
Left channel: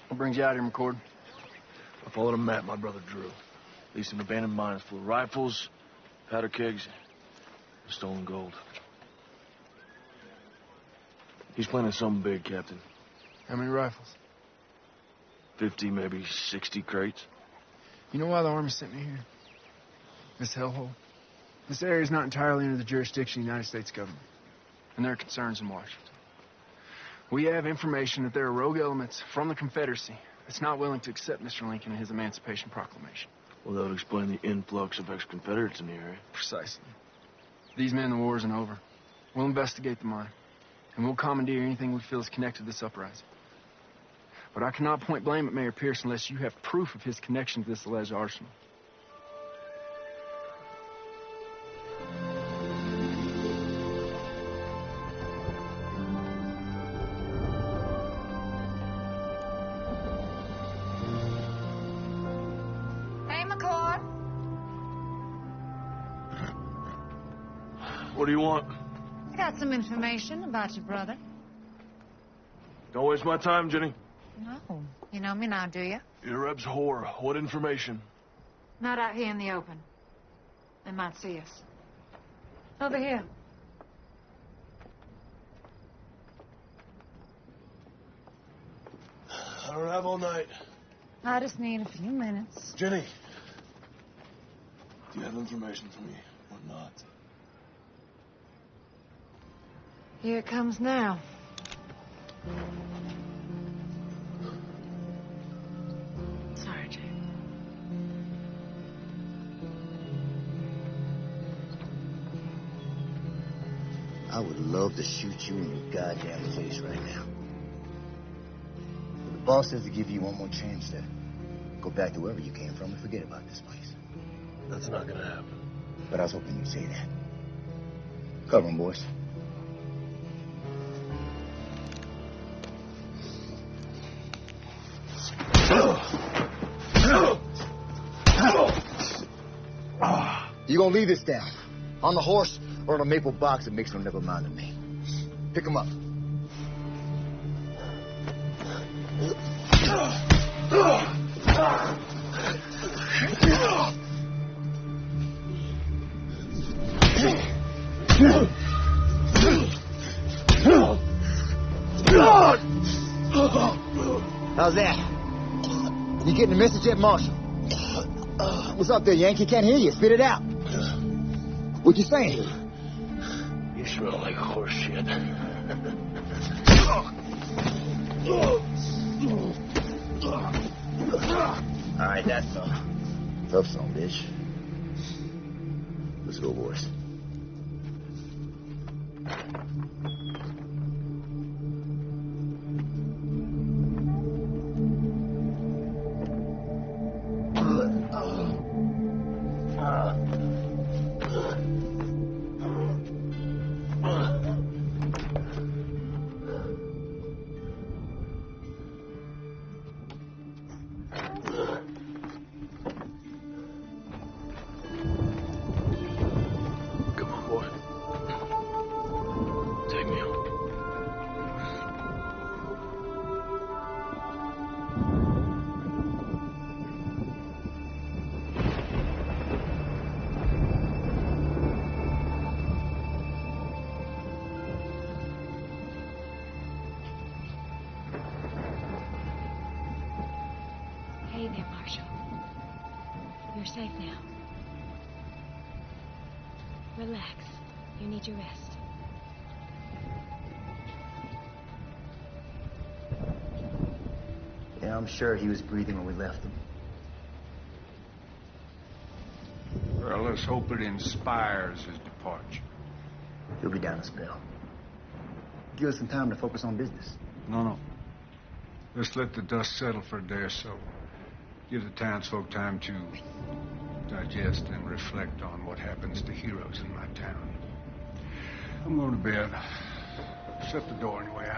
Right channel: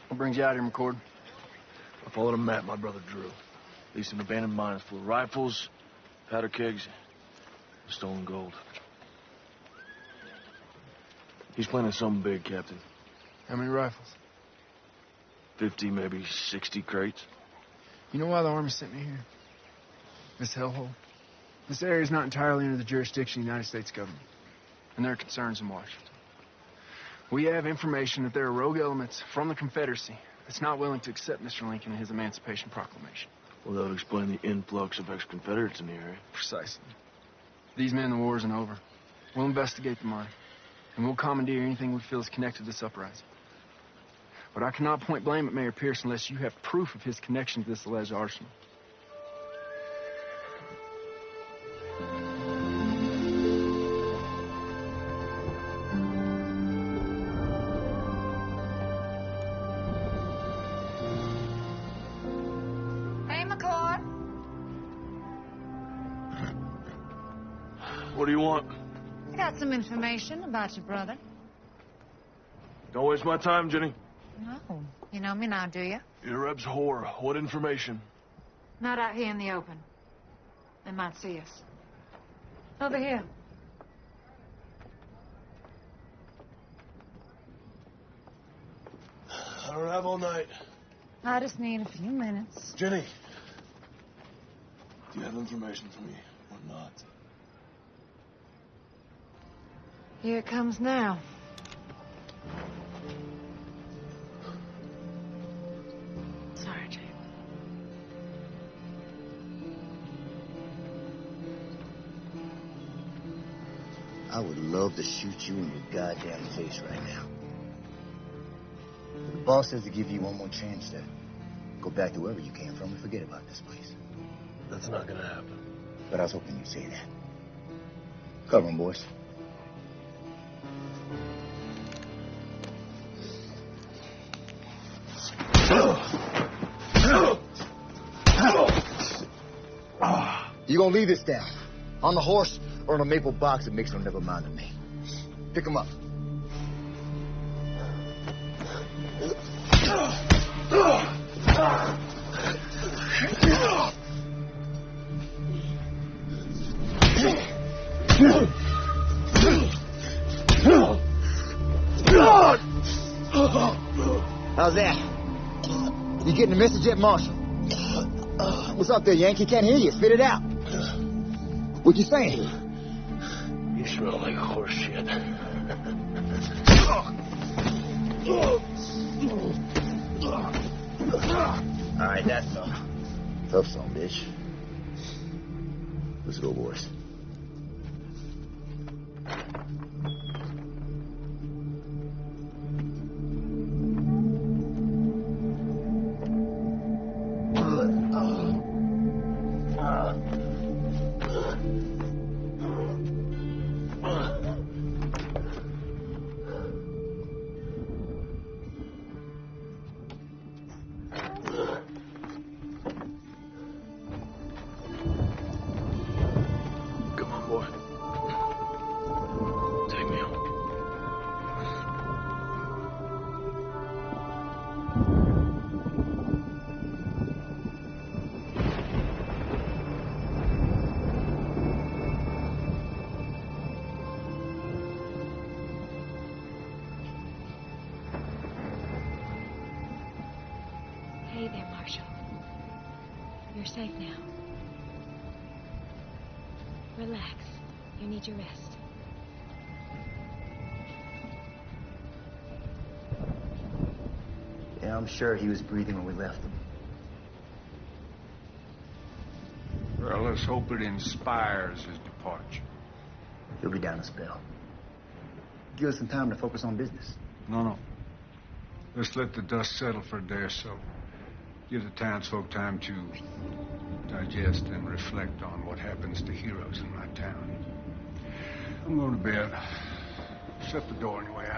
What brings you out here, McCord? I followed a map my brother drew. Leased an abandoned mine full of rifles, powder kegs, and stolen gold. He's planning something big, Captain. How many rifles? 50, maybe 60 crates. You know why the Army sent me here? This hellhole. This area is not entirely under the jurisdiction of the United States government, and there are concerns in Washington. We have information that there are rogue elements from the Confederacy that's not willing to accept Mr. Lincoln and his Emancipation Proclamation. Well, that would explain the influx of ex-Confederates in the area. Precisely. These men, the war isn't over. We'll investigate the mine, and we'll commandeer anything we feel is connected to this uprising. But I cannot point blame at Mayor Pierce unless you have proof of his connection to this alleged arsenal. Hey, McCord. What do you want? I got some information about your brother. Don't waste my time, Jenny. No. You know me now, do you? You're Reb's whore. What information? Not out here in the open. They might see us. Over here. I don't have all night. I just need a few minutes. Jenny, do you have information for me or not? Here it comes now. Sorry, Jake. I would love to shoot you in your goddamn face right now. But the boss says to give you one more chance to go back to wherever you came from and forget about this place. That's not gonna happen. But I was hoping you'd say that. Cover 'em, boys. You gonna leave this down? On the horse or in a maple box that makes no never mind to me? Pick 'em up. How's that? You getting the message yet, Marshal? What's up there, Yankee? Can't hear you. Spit it out. What you saying? You smell like horse shit. All right, that's all. Tough song, bitch. Let's go, boys. there, Marshal. You're safe now. Relax. You need your rest. Yeah, I'm sure he was breathing when we left him. Well, let's hope it inspires his departure. He'll be down a spell. Give us some time to focus on business. No. Let's let the dust settle for a day or so. Give the townsfolk time to digest and reflect on what happens to heroes in my town. I'm going to bed. Shut the door anyway.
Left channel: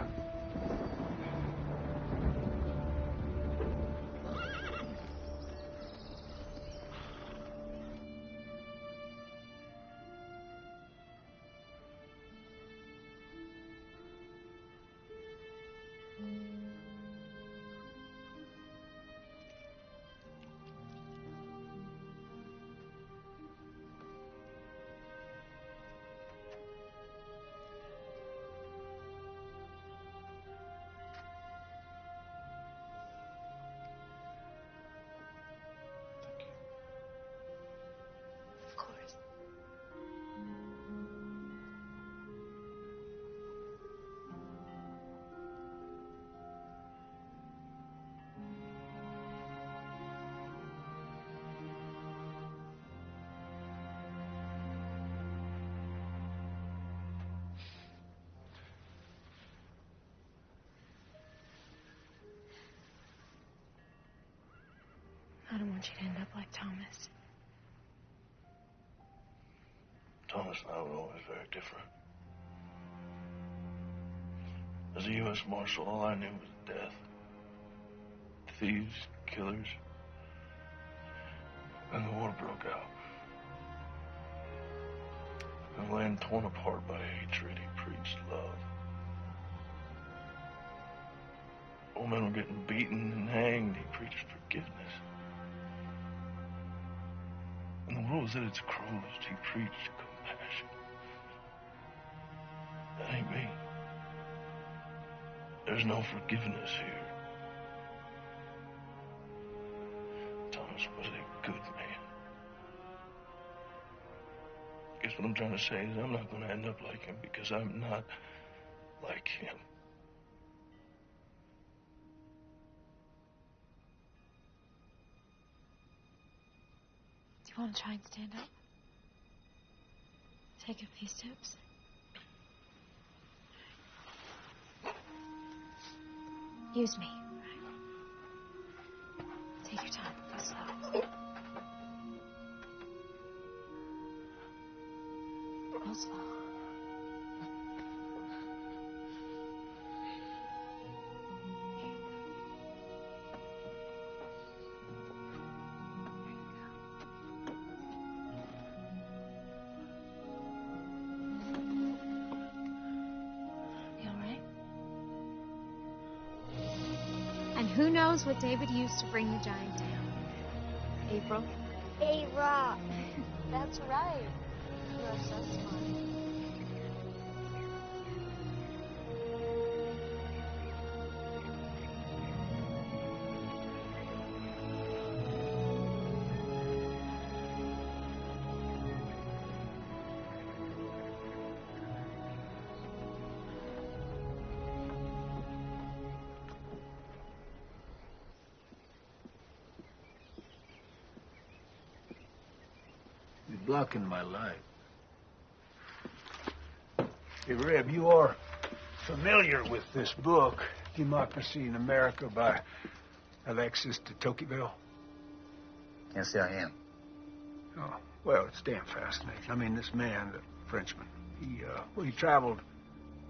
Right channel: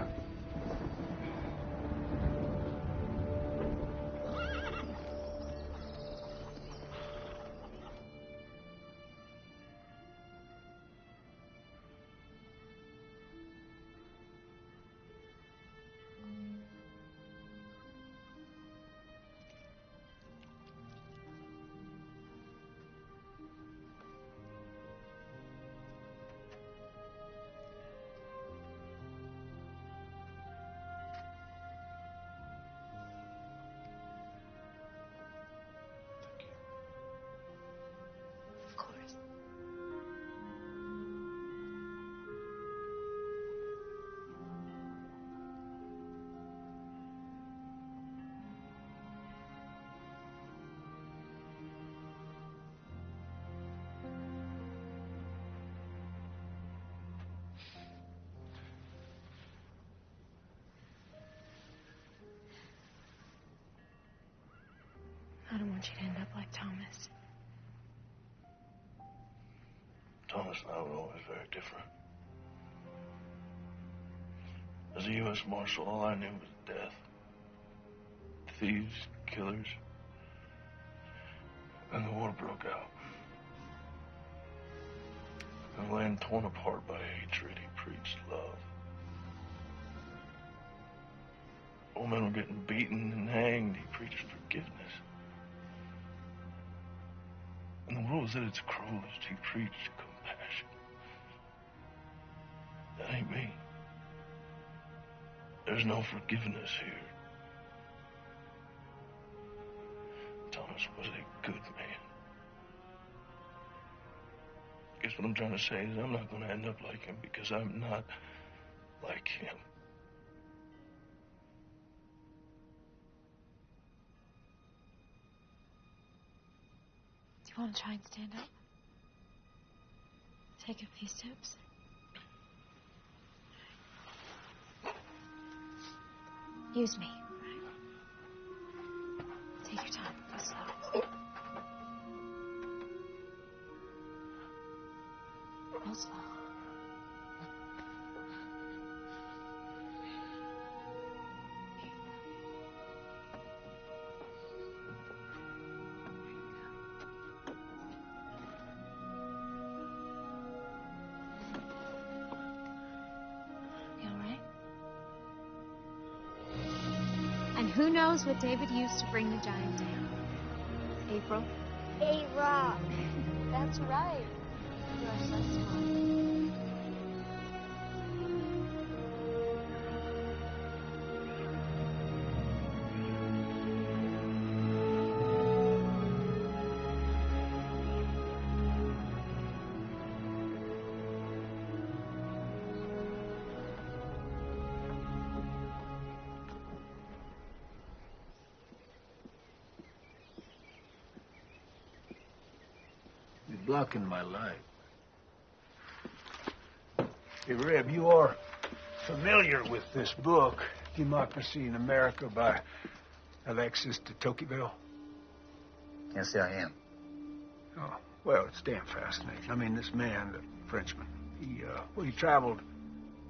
Of course. I don't want you to end up like Thomas. Thomas and I were always very different. As a U.S. Marshal, all I knew was death. Thieves, killers. And the war broke out. And a land torn apart by hatred, he preached love. Old men were getting beaten and hanged, he preached forgiveness. And the world was at its cruelest, he preached compassion. That ain't me. There's no forgiveness here. Thomas was a good man. Guess what I'm trying to say is I'm not going to end up like him because I'm not like him. Do you want to try and stand up? Take a few steps. Use me. Take your time. Go slow. Go slow. You all right? And who knows what David used to bring the giant down? April? A rock. That's right. You are so smart. You're blocking my light. Hey, Reb, you are familiar with this book, Democracy in America by Alexis de Tocqueville? Can't say I am. Oh, well, it's damn fascinating. I mean, this man, the Frenchman, he traveled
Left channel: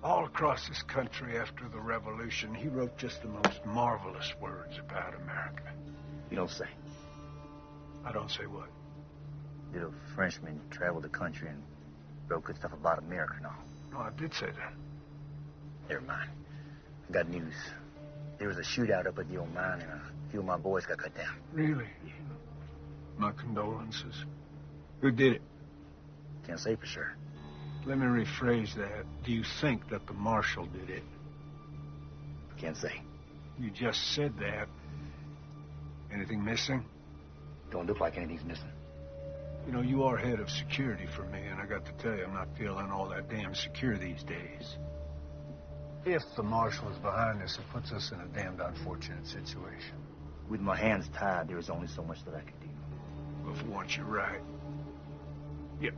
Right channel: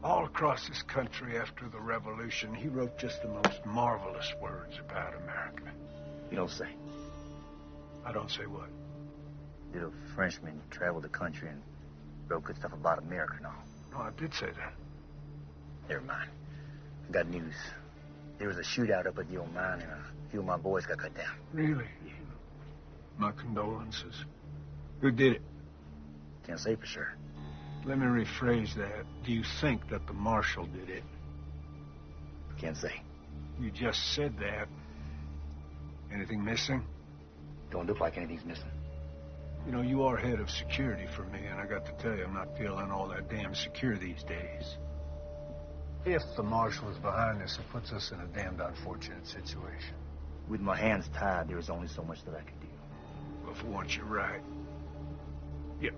all across this country after the Revolution. He wrote just the most marvelous words about America. You don't say. I don't say what? Little Frenchman traveled the country and wrote good stuff about America and all. No, I did say that. Never mind. I got news. There was a shootout up at the old mine, and a few of my boys got cut down. Really? Yeah. My condolences. Who did it? Can't say for sure. Let me rephrase that. Do you think that the marshal did it? Can't say. You just said that, Anything missing? Don't look like anything's missing. You know, you are head of security for me, and I got to tell you, I'm not feeling all that damn secure these days. If the marshal is behind this, it puts us in a damned unfortunate situation. With my hands tied, there is only so much that I can do. Well, for once, you're right. Yep.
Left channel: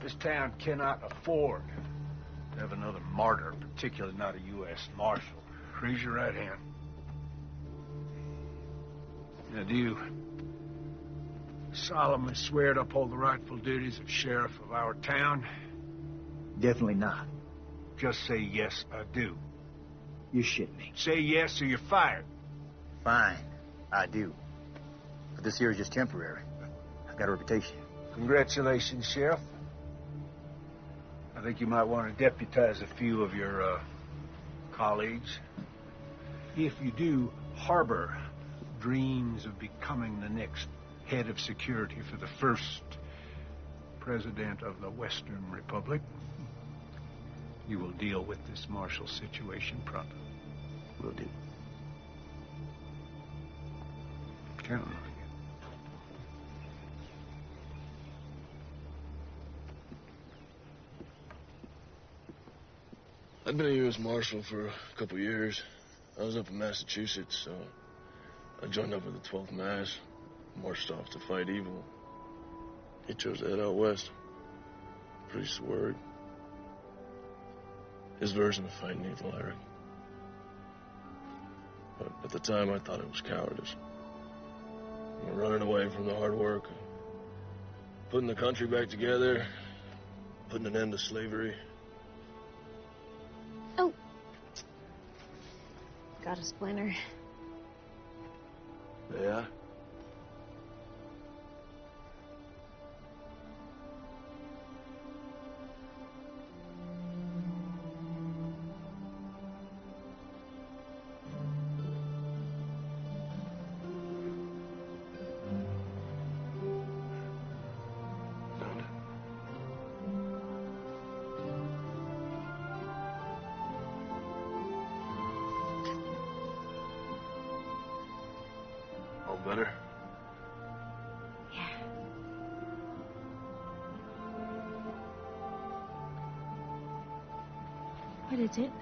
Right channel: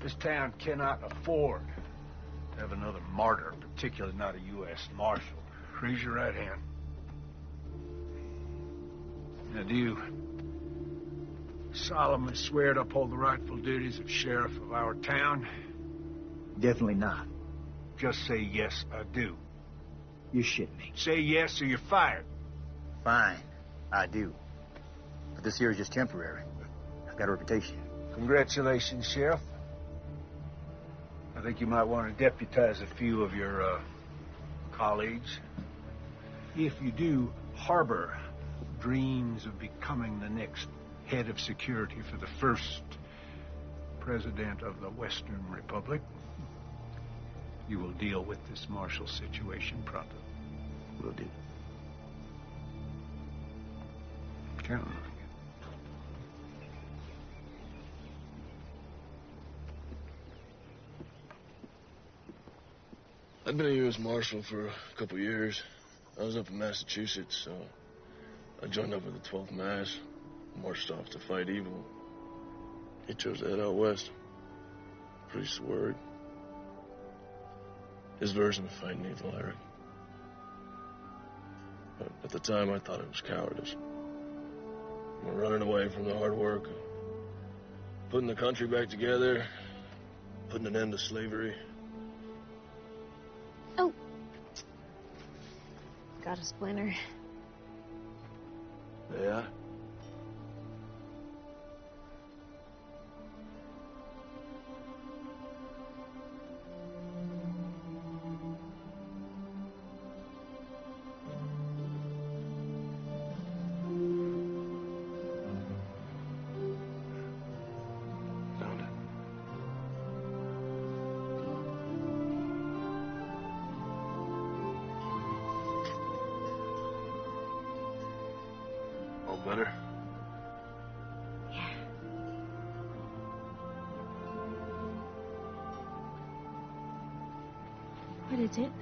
This town cannot afford to have another martyr, particularly not a U.S. Marshal. Raise your right hand. Now, do you solemnly swear to uphold the rightful duties of sheriff of our town? Definitely not. Just say, yes, I do. You shit me. Say yes or you're fired. Fine, I do. But this here is just temporary. I got a reputation. Congratulations, Sheriff. I think you might want to deputize a few of your colleagues. If you do harbor dreams of becoming the next head of security for the first president of the Western Republic, you will deal with this martial situation pronto. Will do. Counting on you. I'd been a U.S. Marshal for a couple years. I was up in Massachusetts, so I joined up with the 12th Mass, marched off to fight evil. He chose to head out west. Priest's word. His version of fighting evil, Eric. But at the time, I thought it was cowardice. We're running away from the hard work, putting the country back together, putting an end to slavery. Oh. Got a splinter. Yeah? Found it. All better? Yeah. What is it?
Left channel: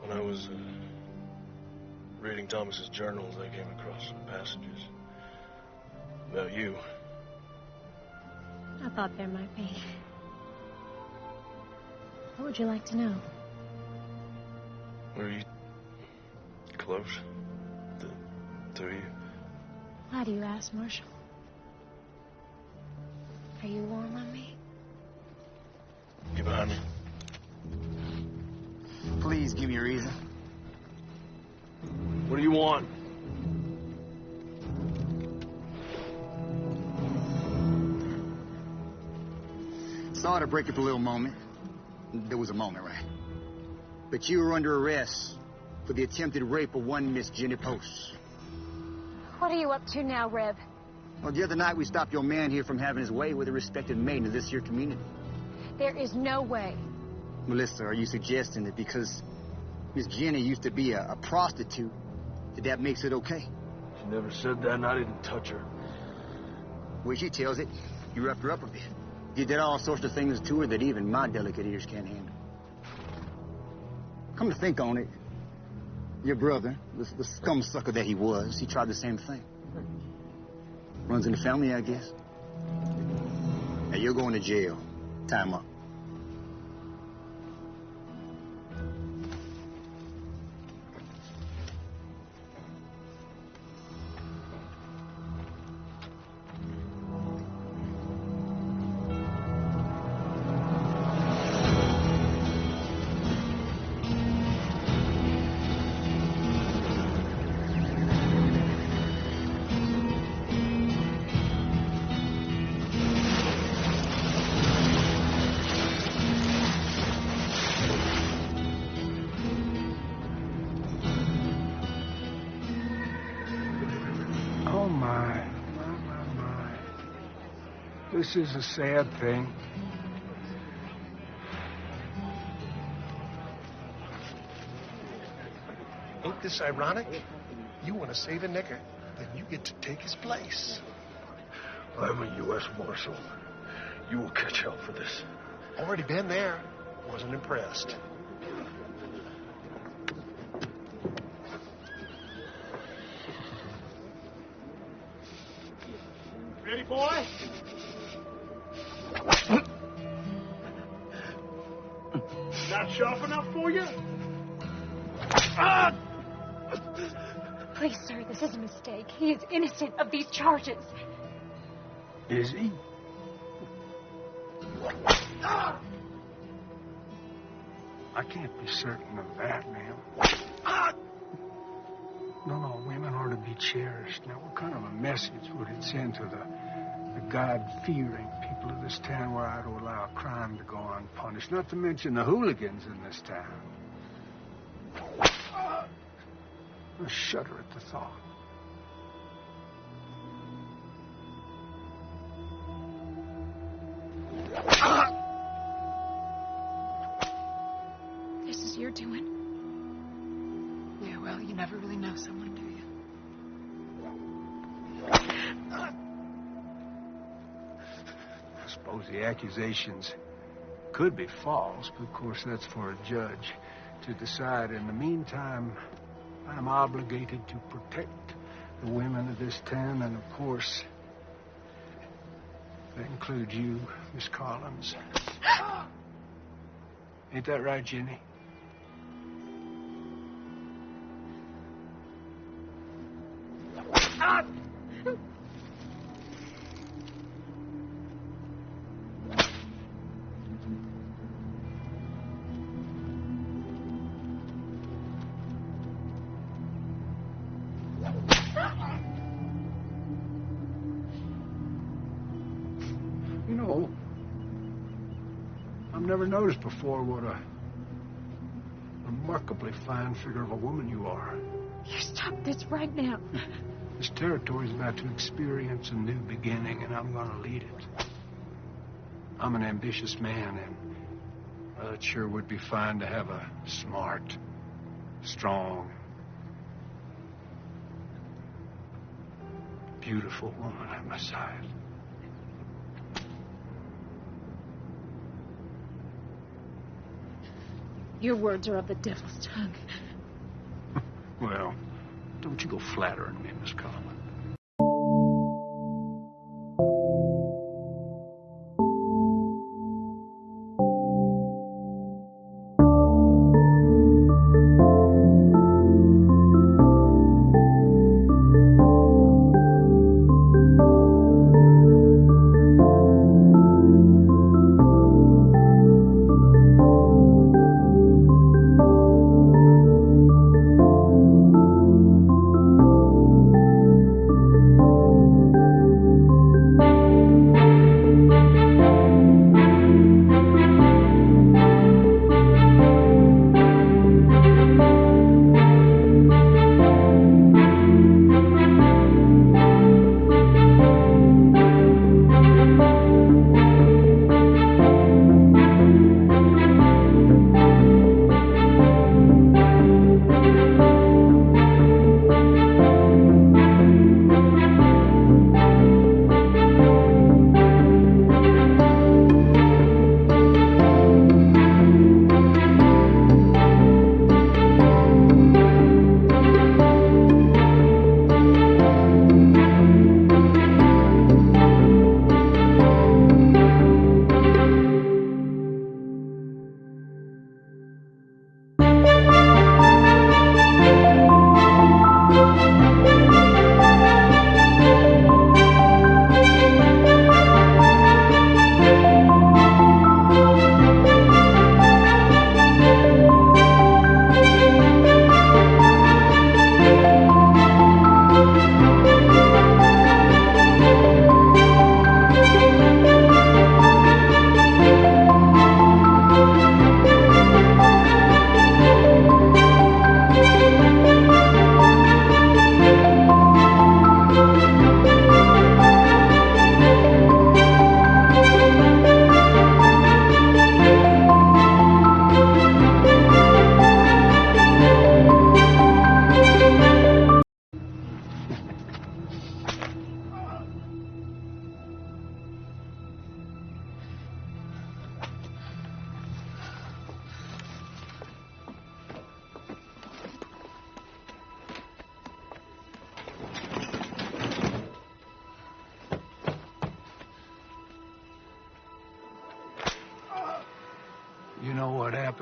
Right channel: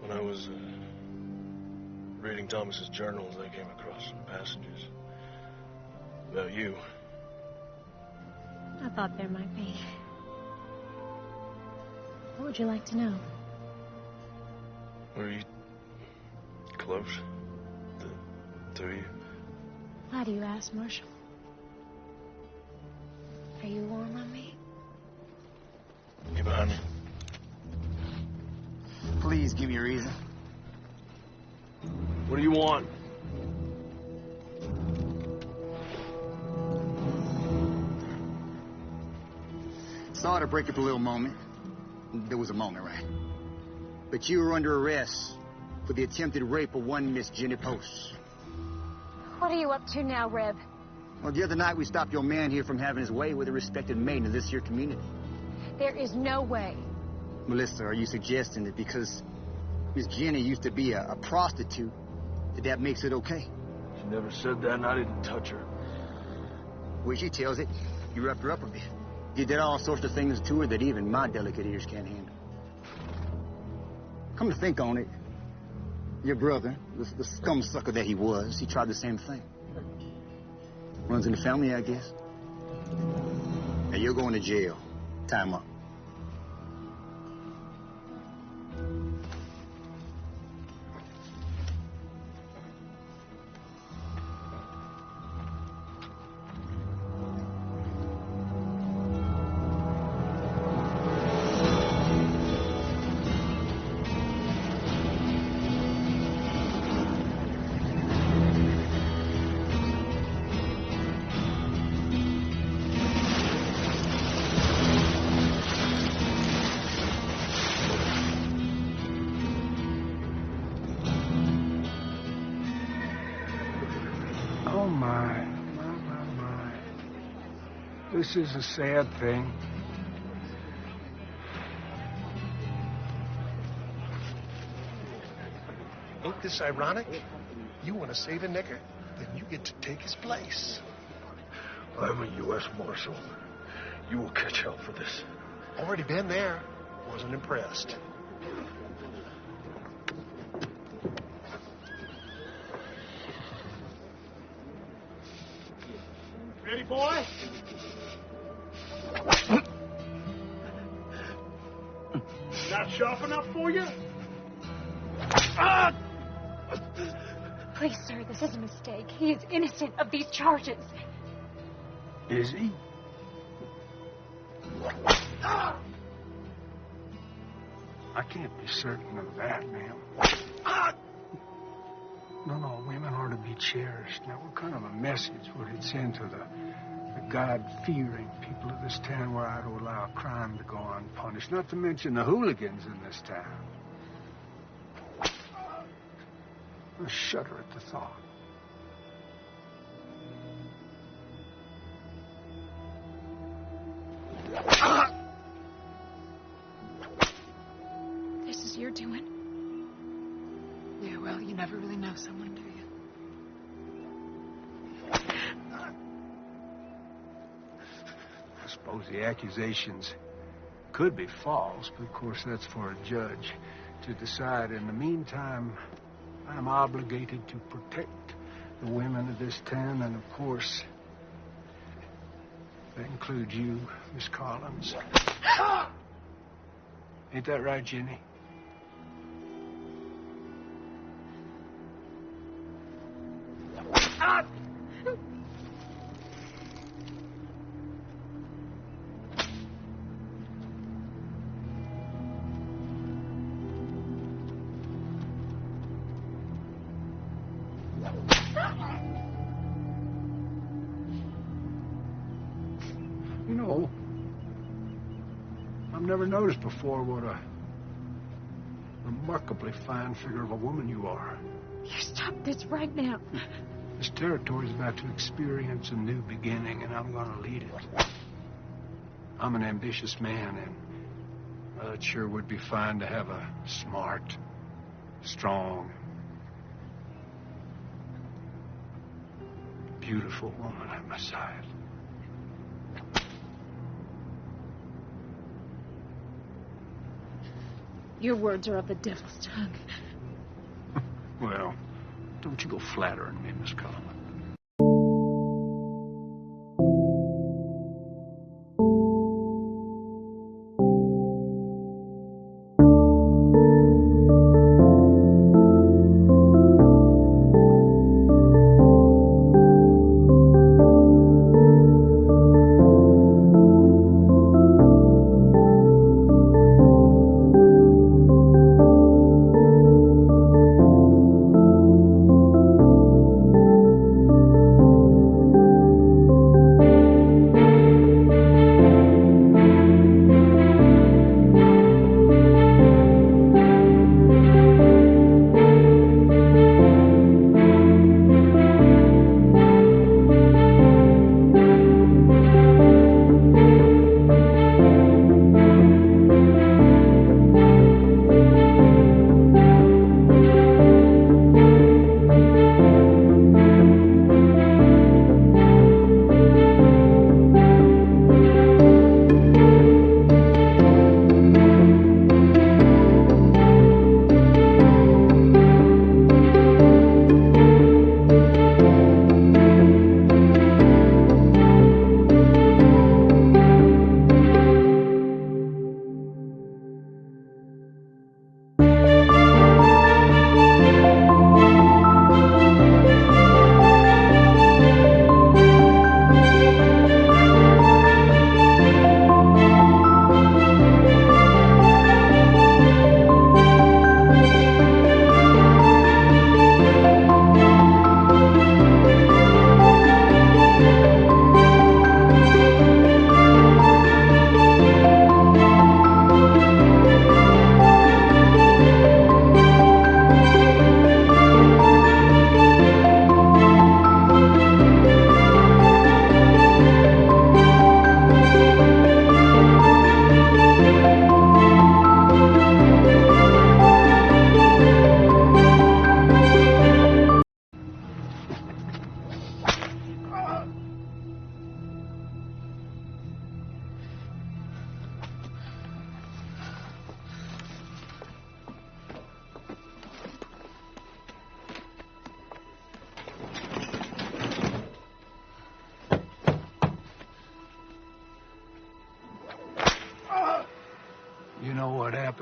When I was reading Thomas's journals, I came across some passages about you. I thought there might be. What would you like to know? Were you close? The two of you? Why do you ask, Marshal? Are you warm on me? Get behind me. Please give me a reason. What do you want? Sorry to break up a little moment. There was a moment, right? But you were under arrest for the attempted rape of one Miss Jenny Post. What are you up to now, Reb? Well, the other night we stopped your man here from having his way with a respected maiden of this here community. There is no way. Melissa, are you suggesting that because Miss Jenny used to be a prostitute, that makes it okay? She never said that, and I didn't touch her. Well, she tells it. You roughed her up a bit. You did all sorts of things to her that even my delicate ears can't handle. Come to think on it, your brother, the scum sucker that he was, he tried the same thing. Runs in the family, I guess. Now you're going to jail. Time up. Oh, my. This is a sad thing. Ain't this ironic? You want to save a nigger, then you get to take his place. I'm a U.S. Marshal. You will catch hell for this. Already been there. Wasn't impressed. Ready, boy? Not sharp enough for you? Ah! Please, sir, this is a mistake. He is innocent of these charges. Is he? Ah! I can't be certain of that, ma'am. Ah! No, women are to be cherished. Now, what kind of a message would it send to the God-fearing people of this town were I to allow a crime to go unpunished? Not to mention the hooligans in this town. I shudder at the thought. This is your doing? Yeah, well, you never really know someone, do you? I suppose the accusations could be false, but of course that's for a judge to decide. In the meantime, I'm obligated to protect the women of this town, and of course, that includes you, Miss Collins. Ain't that right, Jenny? You know, I've never noticed before what a remarkably fine figure of a woman you are. You stop this right now. This territory is about to experience a new beginning, and I'm going to lead it. I'm an ambitious man, and it sure would be fine to have a smart, strong, beautiful woman at my side. Your words are of the devil's tongue. Well, don't you go flattering me, Miss Collins.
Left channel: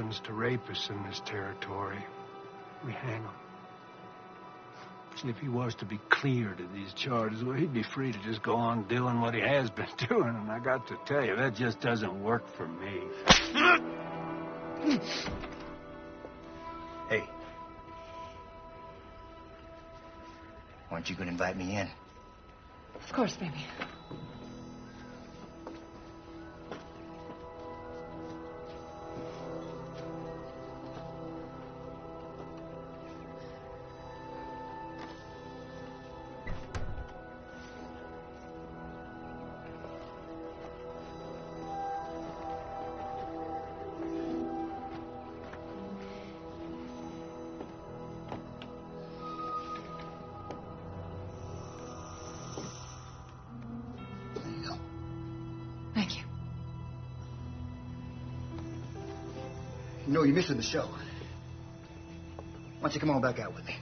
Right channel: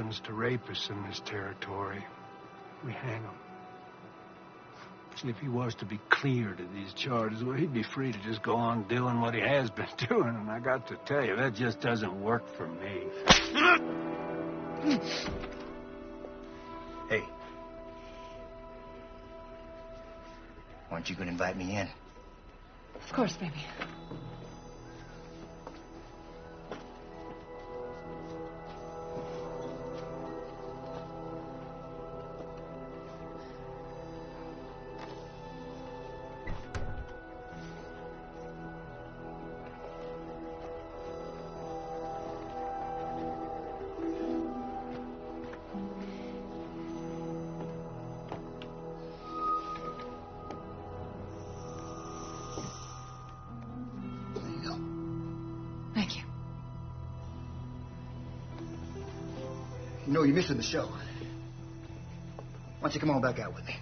happens to rapists in this territory, we hang them. See, if he was to be cleared of these charges, well, he'd be free to just go on doing what he has been doing. And I got to tell you, that just doesn't work for me. Hey. Aren't you going to invite me in? Of course, baby. Thank you. You know, you're missing the show. Why don't you come on back out with me?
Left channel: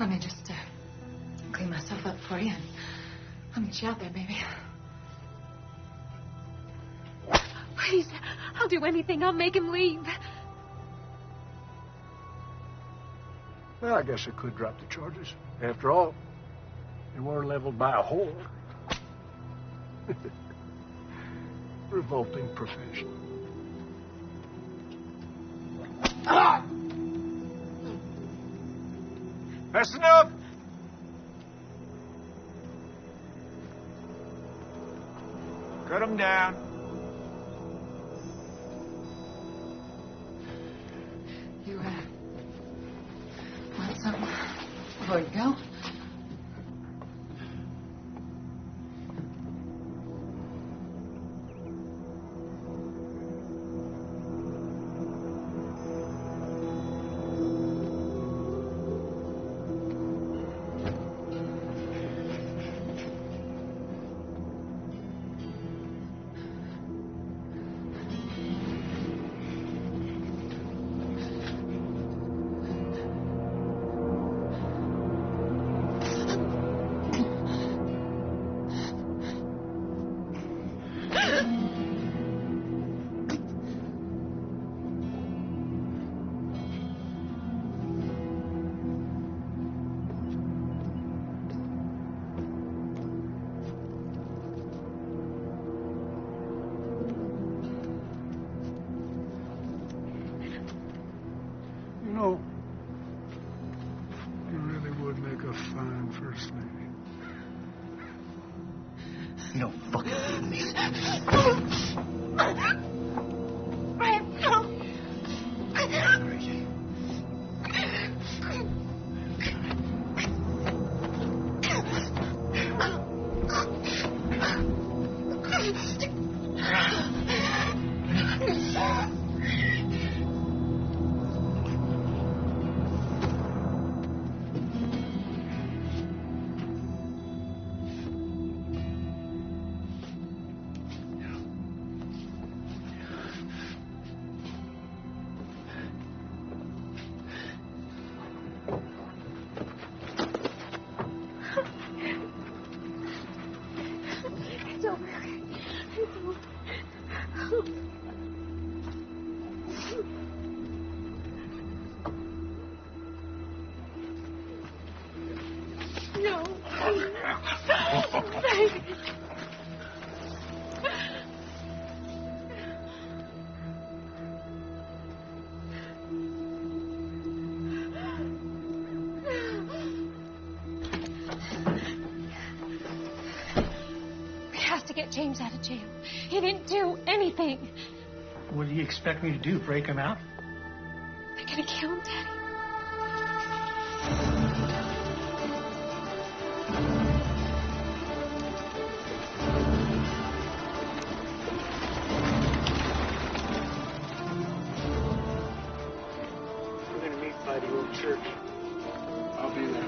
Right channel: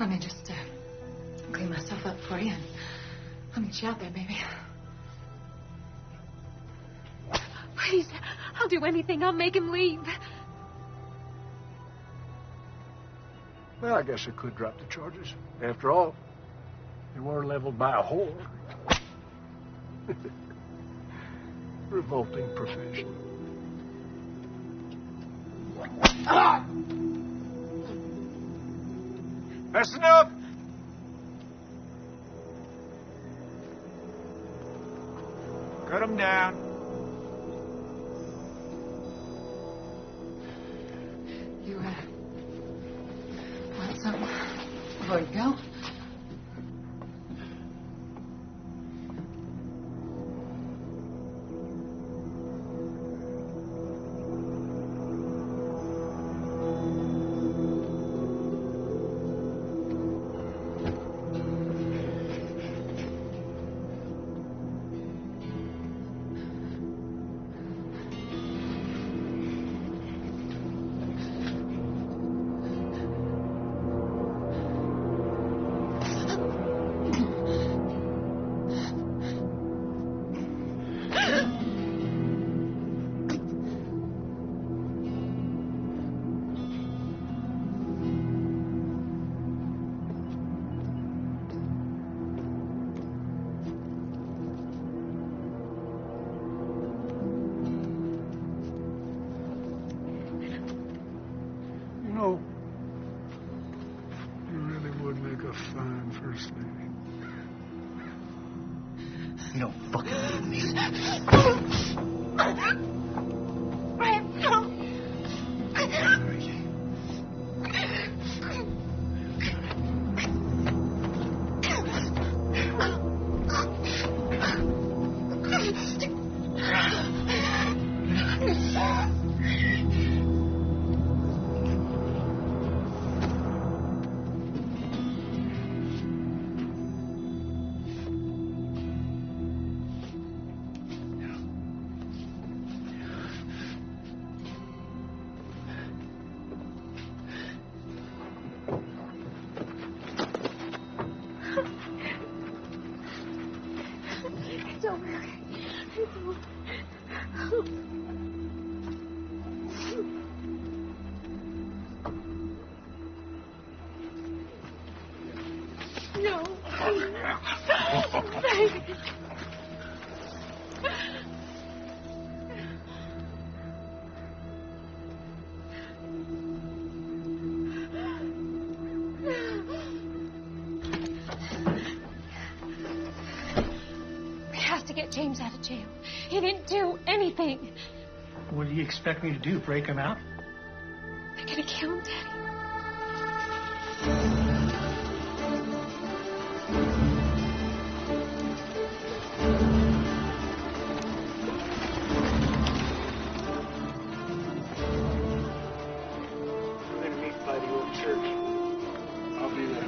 Let me just clean myself up for you, and I'll meet you out there, baby. Please, I'll do anything. I'll make him leave. Well, I guess I could drop the charges. After all, they were leveled by a whore. Revolting profession. Ah! That's enough! Cut him down. You, want something before you go? You know, you really would make a fine first lady. You don't fucking leave me. Brad, no. It's over. It's over. No. Baby. We have to get James out of jail. He didn't do anything. What do you expect me to do? Break him out? They're gonna kill him, Daddy. We're going to meet by the old church. I'll be there.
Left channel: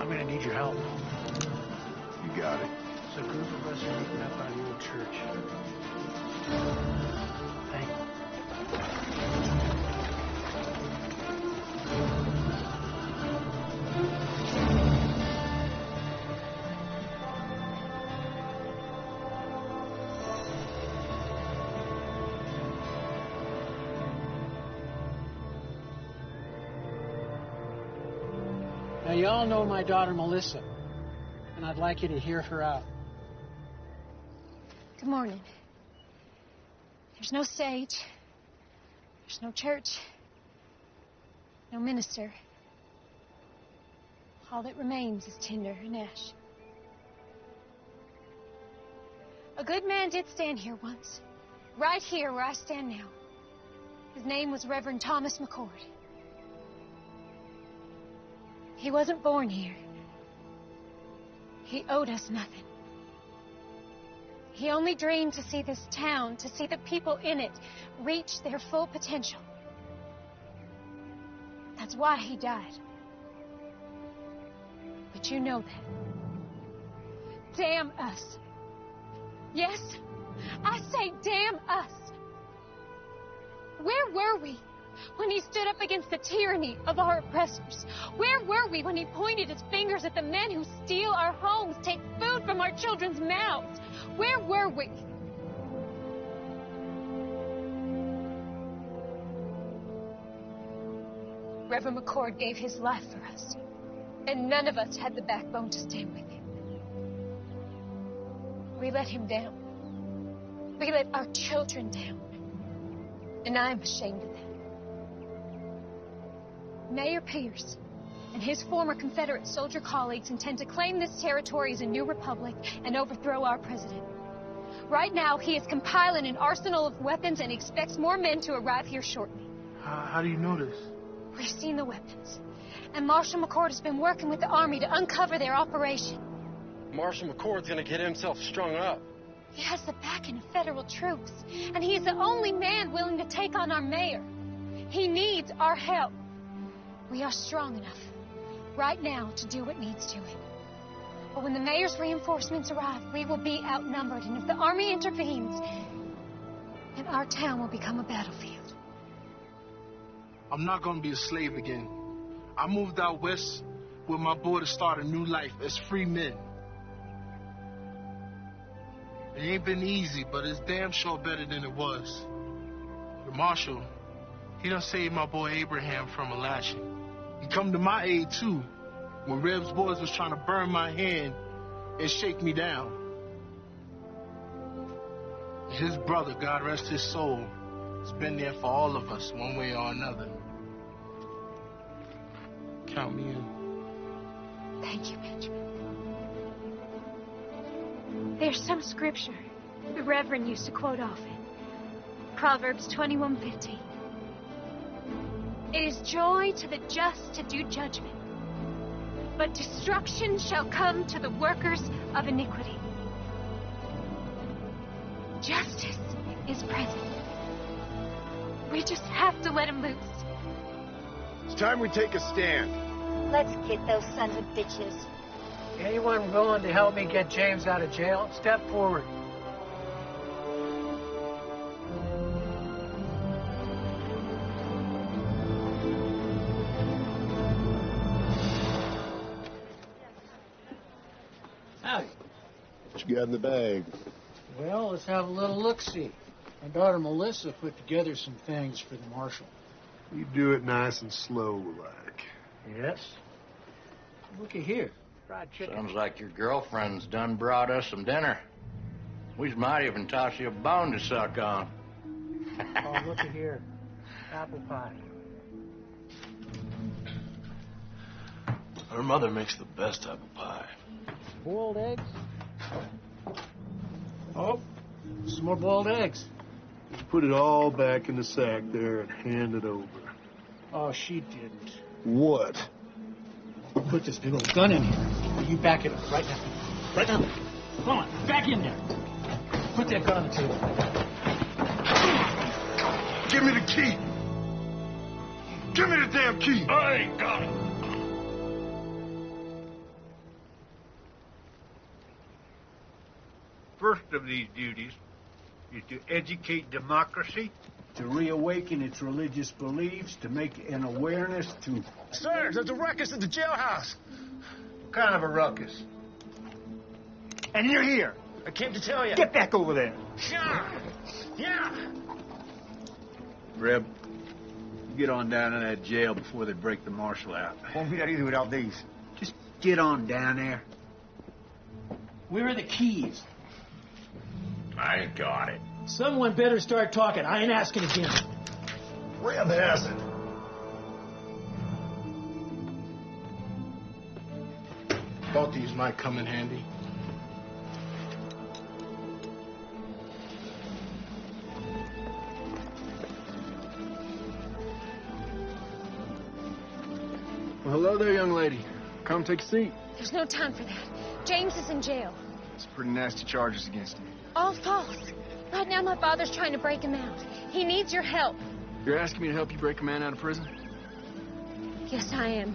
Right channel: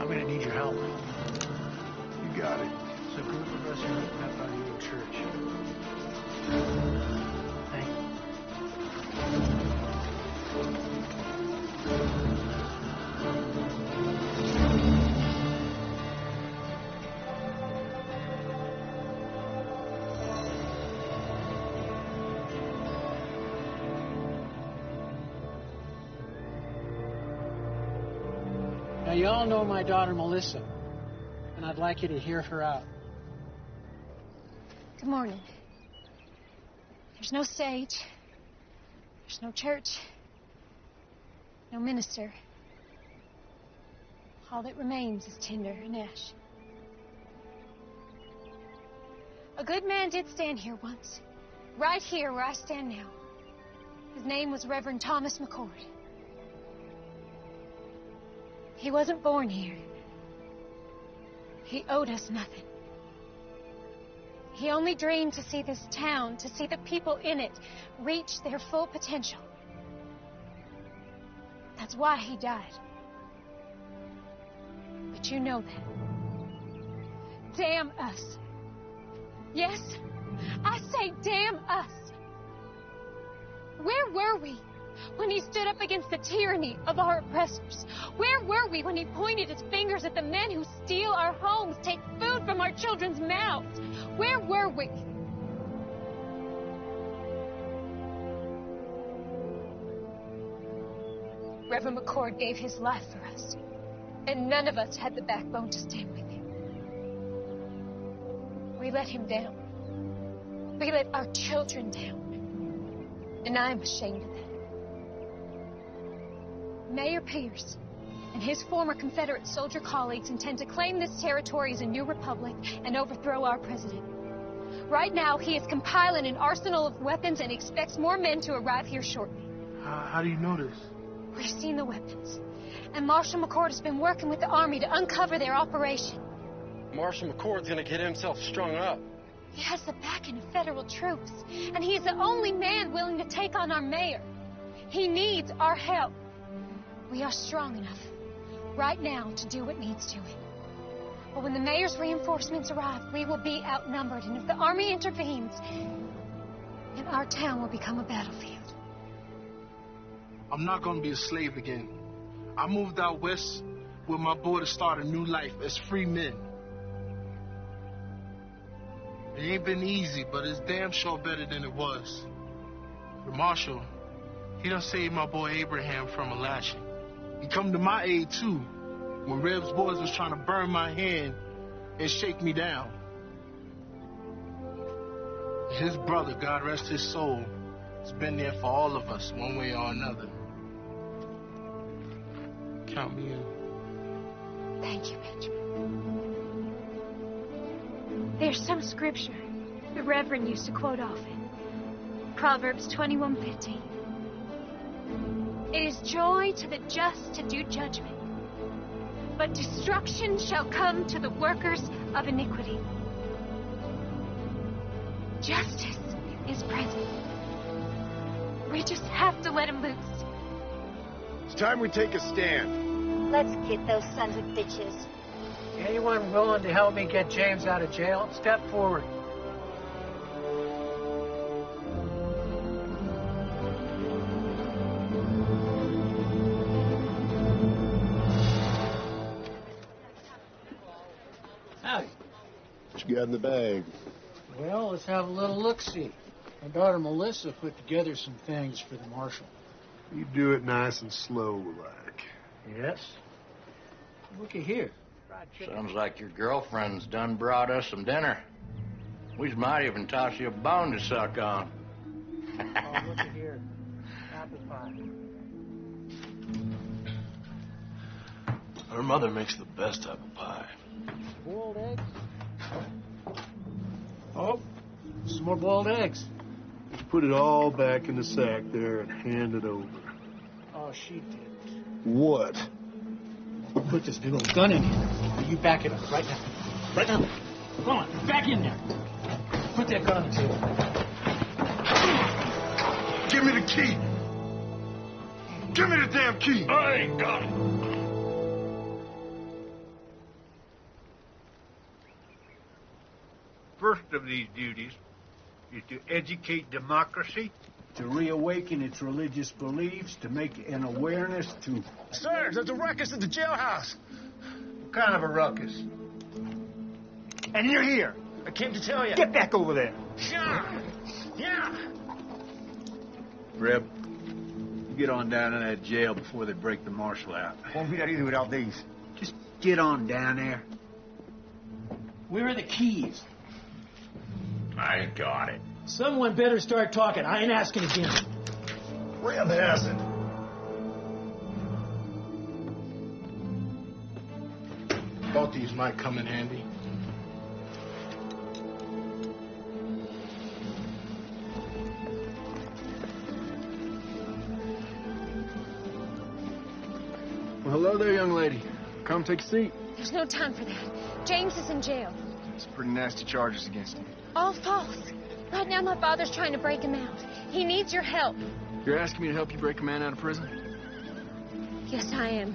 I'm going to need your help. You got it. There's a group of us are meeting up by the old church. Thank you. Now, you all know my daughter, Melissa, and I'd like you to hear her out. Good morning. There's no stage. There's no church. No minister. All that remains is tinder and ash. A good man did stand here once. Right here where I stand now. His name was Reverend Thomas McCord. He wasn't born here. He owed us nothing. He only dreamed to see this town, to see the people in it, reach their full potential. That's why he died. But you know that. Damn us. Yes, I say damn us. Where were we when he stood up against the tyranny of our oppressors? Where were we when he pointed his fingers at the men who steal our homes, take food from our children's mouths? Where were we? Reverend McCord gave his life for us, and none of us had the backbone to stand with him. We let him down. We let our children down. And I'm ashamed of that. Mayor Pierce and his former Confederate soldier colleagues intend to claim this territory as a new republic and overthrow our president. Right now, he is compiling an arsenal of weapons and expects more men to arrive here shortly. How do you know this? We've seen the weapons. And Marshal McCord has been working with the Army to uncover their operation. Marshal McCord's gonna get himself strung up. He has the backing of federal troops, and he is the only man willing to take on our mayor. He needs our help. We are strong enough right now to do what needs doing. But when the mayor's reinforcements arrive, we will be outnumbered, and if the Army intervenes, then our town will become a battlefield. I'm not gonna be a slave again. I moved out west with my boy to start a new life as free men. It ain't been easy, but it's damn sure better than it was. The marshal, he done saved my boy Abraham from a lashing. He come to my aid, too, when Reb's boys was trying to burn my hand and shake me down. His brother, God rest his soul, has been there for all of us, one way or another. Count me in. Thank you, Benjamin. There's some scripture the Reverend used to quote often. Proverbs 21:15. It is joy to the just to do judgment, but destruction shall come to the workers of iniquity. Justice is present. We just have to let him loose. It's time we take a stand. Let's get those sons of bitches. Anyone willing to help me get James out of jail, step forward. Howdy. What you got in the bag? Well, let's have a little look-see. My daughter Melissa put together some things for the marshal. You do it nice and slow, like. Yes? Looky here. Fried chicken. Sounds like your girlfriend's done brought us some dinner. We might even toss you a bone to suck on. Oh, looky here. Apple pie. Her mother makes the best apple pie. Boiled eggs? Oh, some more boiled eggs. Just put it all back in the sack there and hand it over. Oh, she didn't. What? Put this big old gun in here. You back it up right now. Right now. Come on, back in there. Put that gun on the table. Give me the key. Give me the damn key. I ain't got it. First of these duties is to educate democracy, to reawaken its religious beliefs, to make an awareness to... Sir, there's a ruckus at the jailhouse. What kind of a ruckus? And you're here. I came to tell you. Get back over there. Yeah. Reb, you get on down in that jail before they break the marshal out. Won't be that easy without these. Just get on down there. Where are the keys? I got it. Someone better start talking. I ain't asking again. Reb has it. Thought these might come in handy. Well, hello there, young lady. Come take a seat. There's no time for that. James is in jail. It's pretty nasty charges against him. All false. Right now, my father's trying to break him out. He needs your help. You're asking me to help you break a man out of prison? Yes, I am.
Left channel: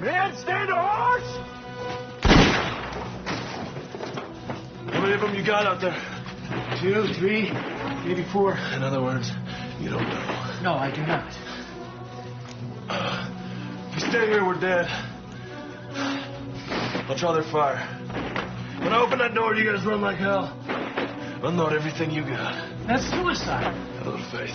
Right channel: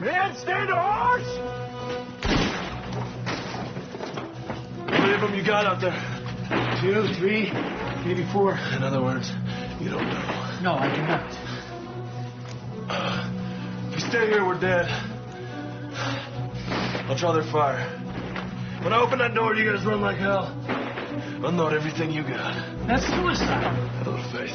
Man, stand to horse! How many of them you got out there? 2, 3, maybe 4. In other words, you don't know. No, I do not. If we stay here, we're dead. I'll draw their fire. When I open that door, you guys run like hell. Unload everything you got. That's suicide. Have a little faith.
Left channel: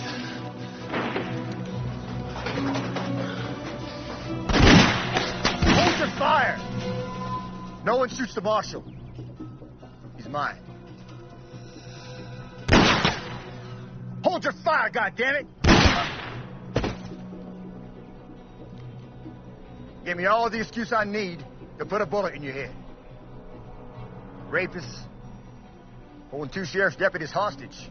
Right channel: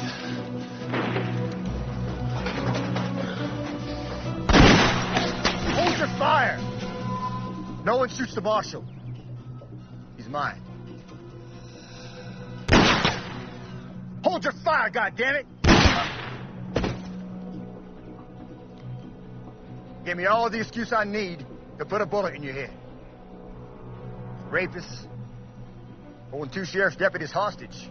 Hold your fire! No one shoots the marshal. He's mine. Hold your fire, goddammit! Give me all the excuse I need to put a bullet in your head. Rapists, holding 2 sheriff's deputies hostage.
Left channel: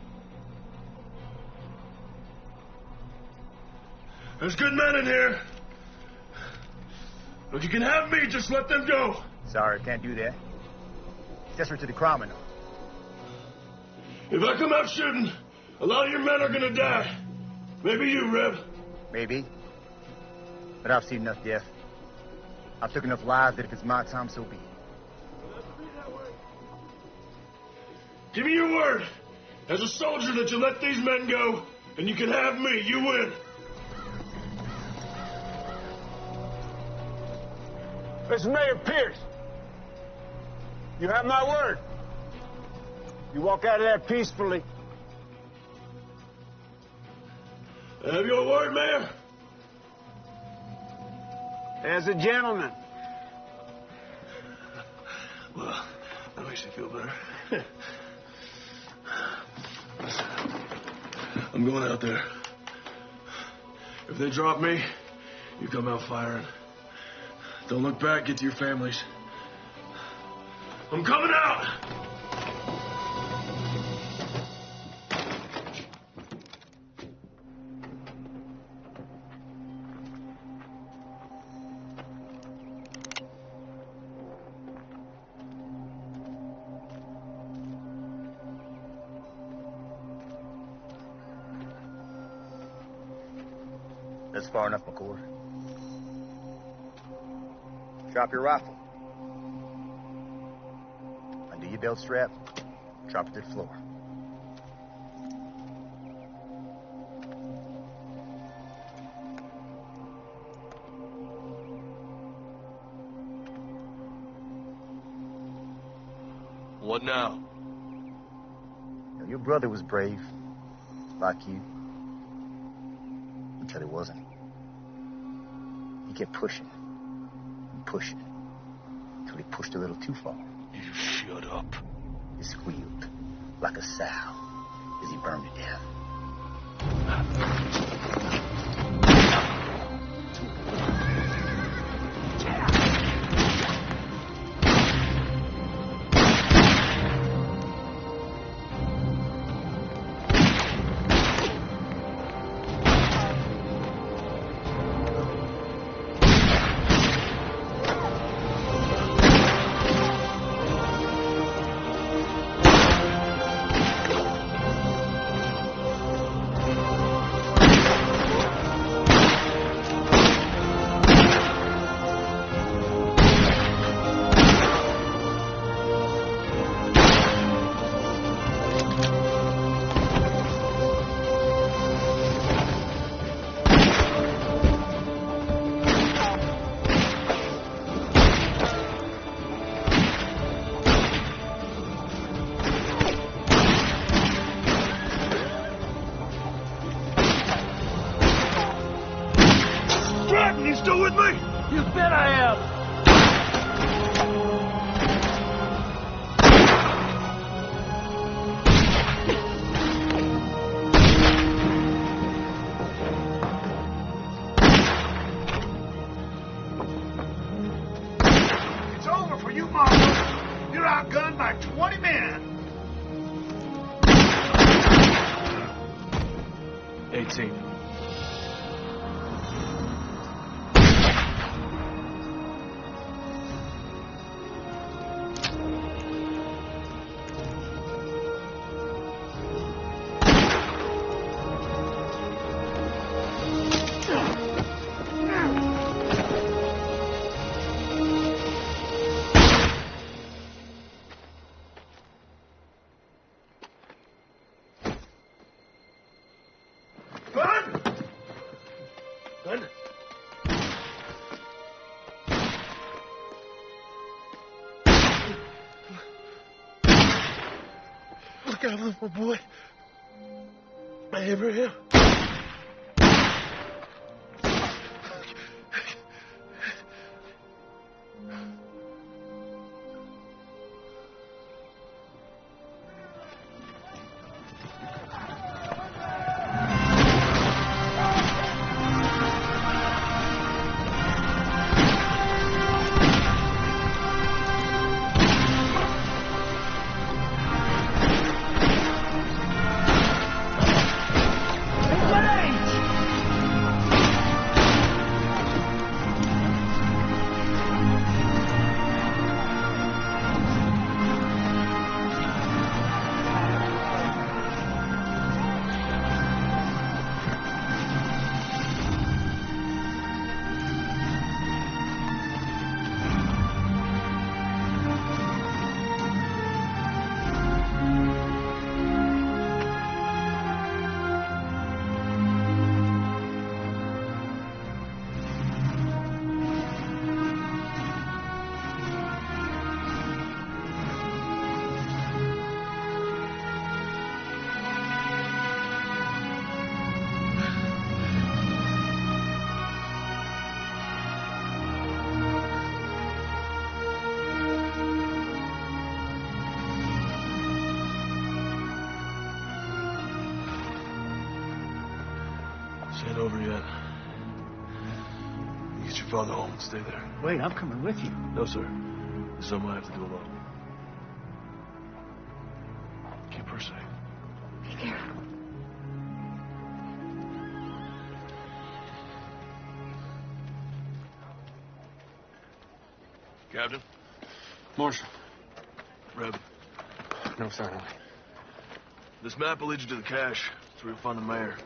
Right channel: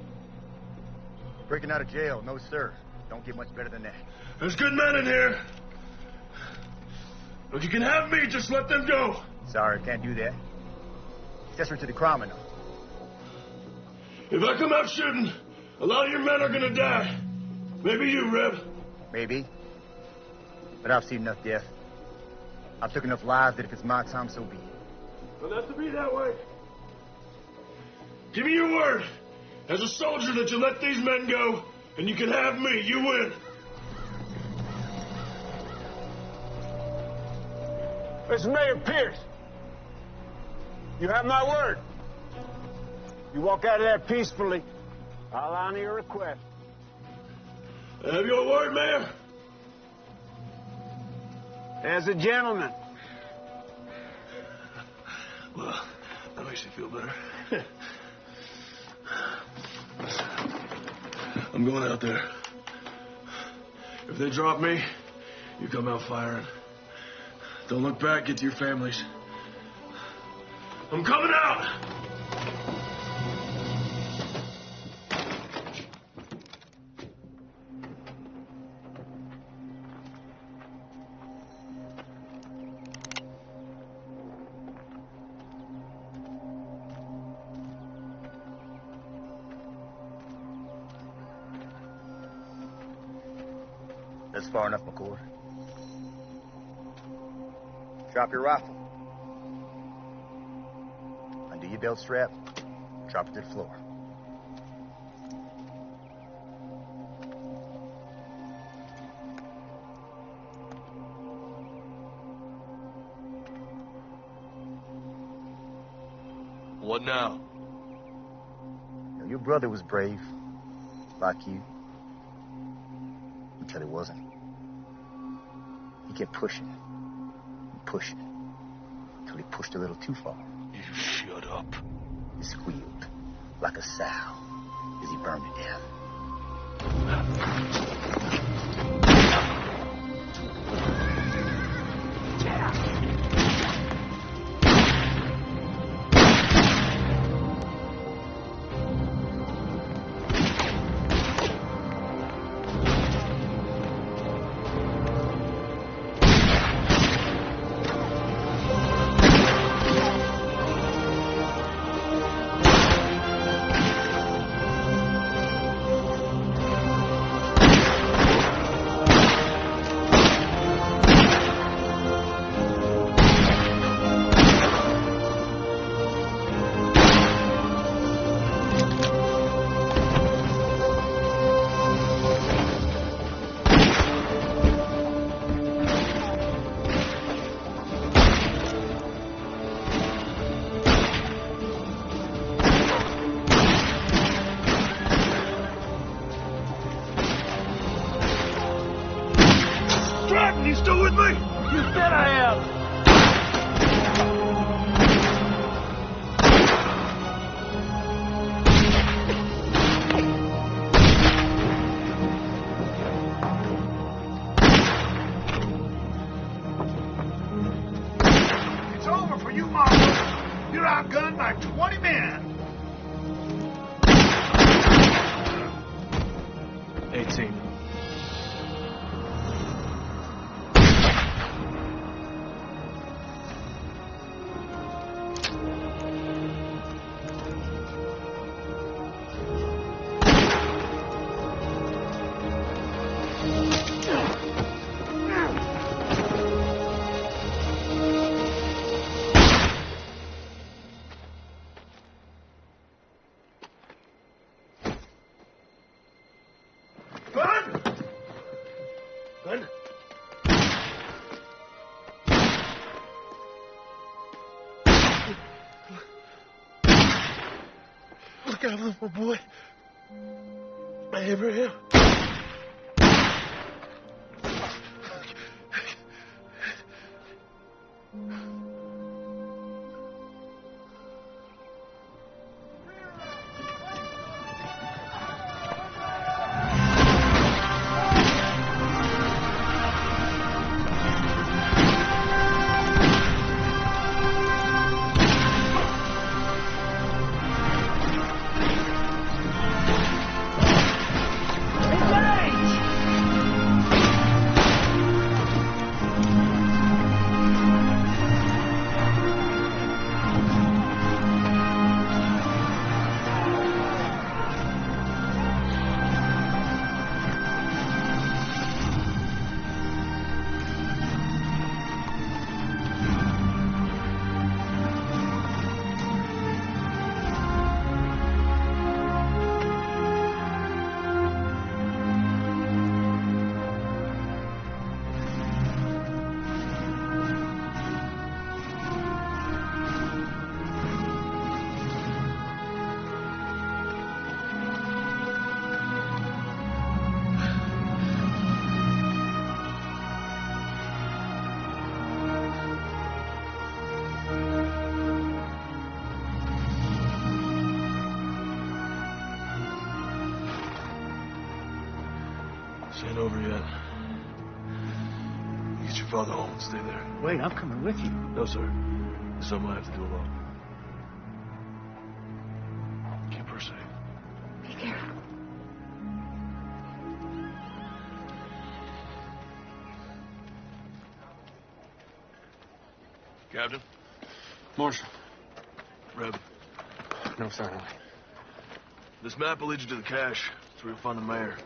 Breaking out of jail, no sir. Don't get much better than that. There's good men in here. If you can have me, just let them go. Sorry, can't do that. Accessory to the crime and all. If I come out shooting, a lot of your men are gonna die. Maybe you, Reb. Maybe. But I've seen enough death. I've took enough lives that if it's my time, so be it. Well, that's to be that way. Give me your word, as a soldier, that you let these men go, and you can have me. You win. This is Mayor Pierce. You have my word. You walk out of there peacefully, I'll honor your request. Have your word, Mayor? As a gentleman. Well, that makes me feel better. I'm going out there. If they drop me, you come out firing. Don't look back, get to your families. I'm coming out! That's far enough, McCord. Drop your rifle. Undo your belt strap. Drop it to the floor. What now? Your brother was brave, like you, until he wasn't. He kept pushing and pushing until he pushed a little too far. You shut up. He squealed like a sow as he burned to death. You still with me? You bet I am. It's over for you, Marshal. You're outgunned by 20 men. 18. Glenn? Look out, little boy. Abraham. This ain't over yet. You get your father home and stay there. Wait, I'm coming with you. No, sir. This is something I have to do alone. Keep her safe. Be careful. Captain? Marshal. Reb. No, sorry. This map will lead you to the cache. It's where you'll find the mayor.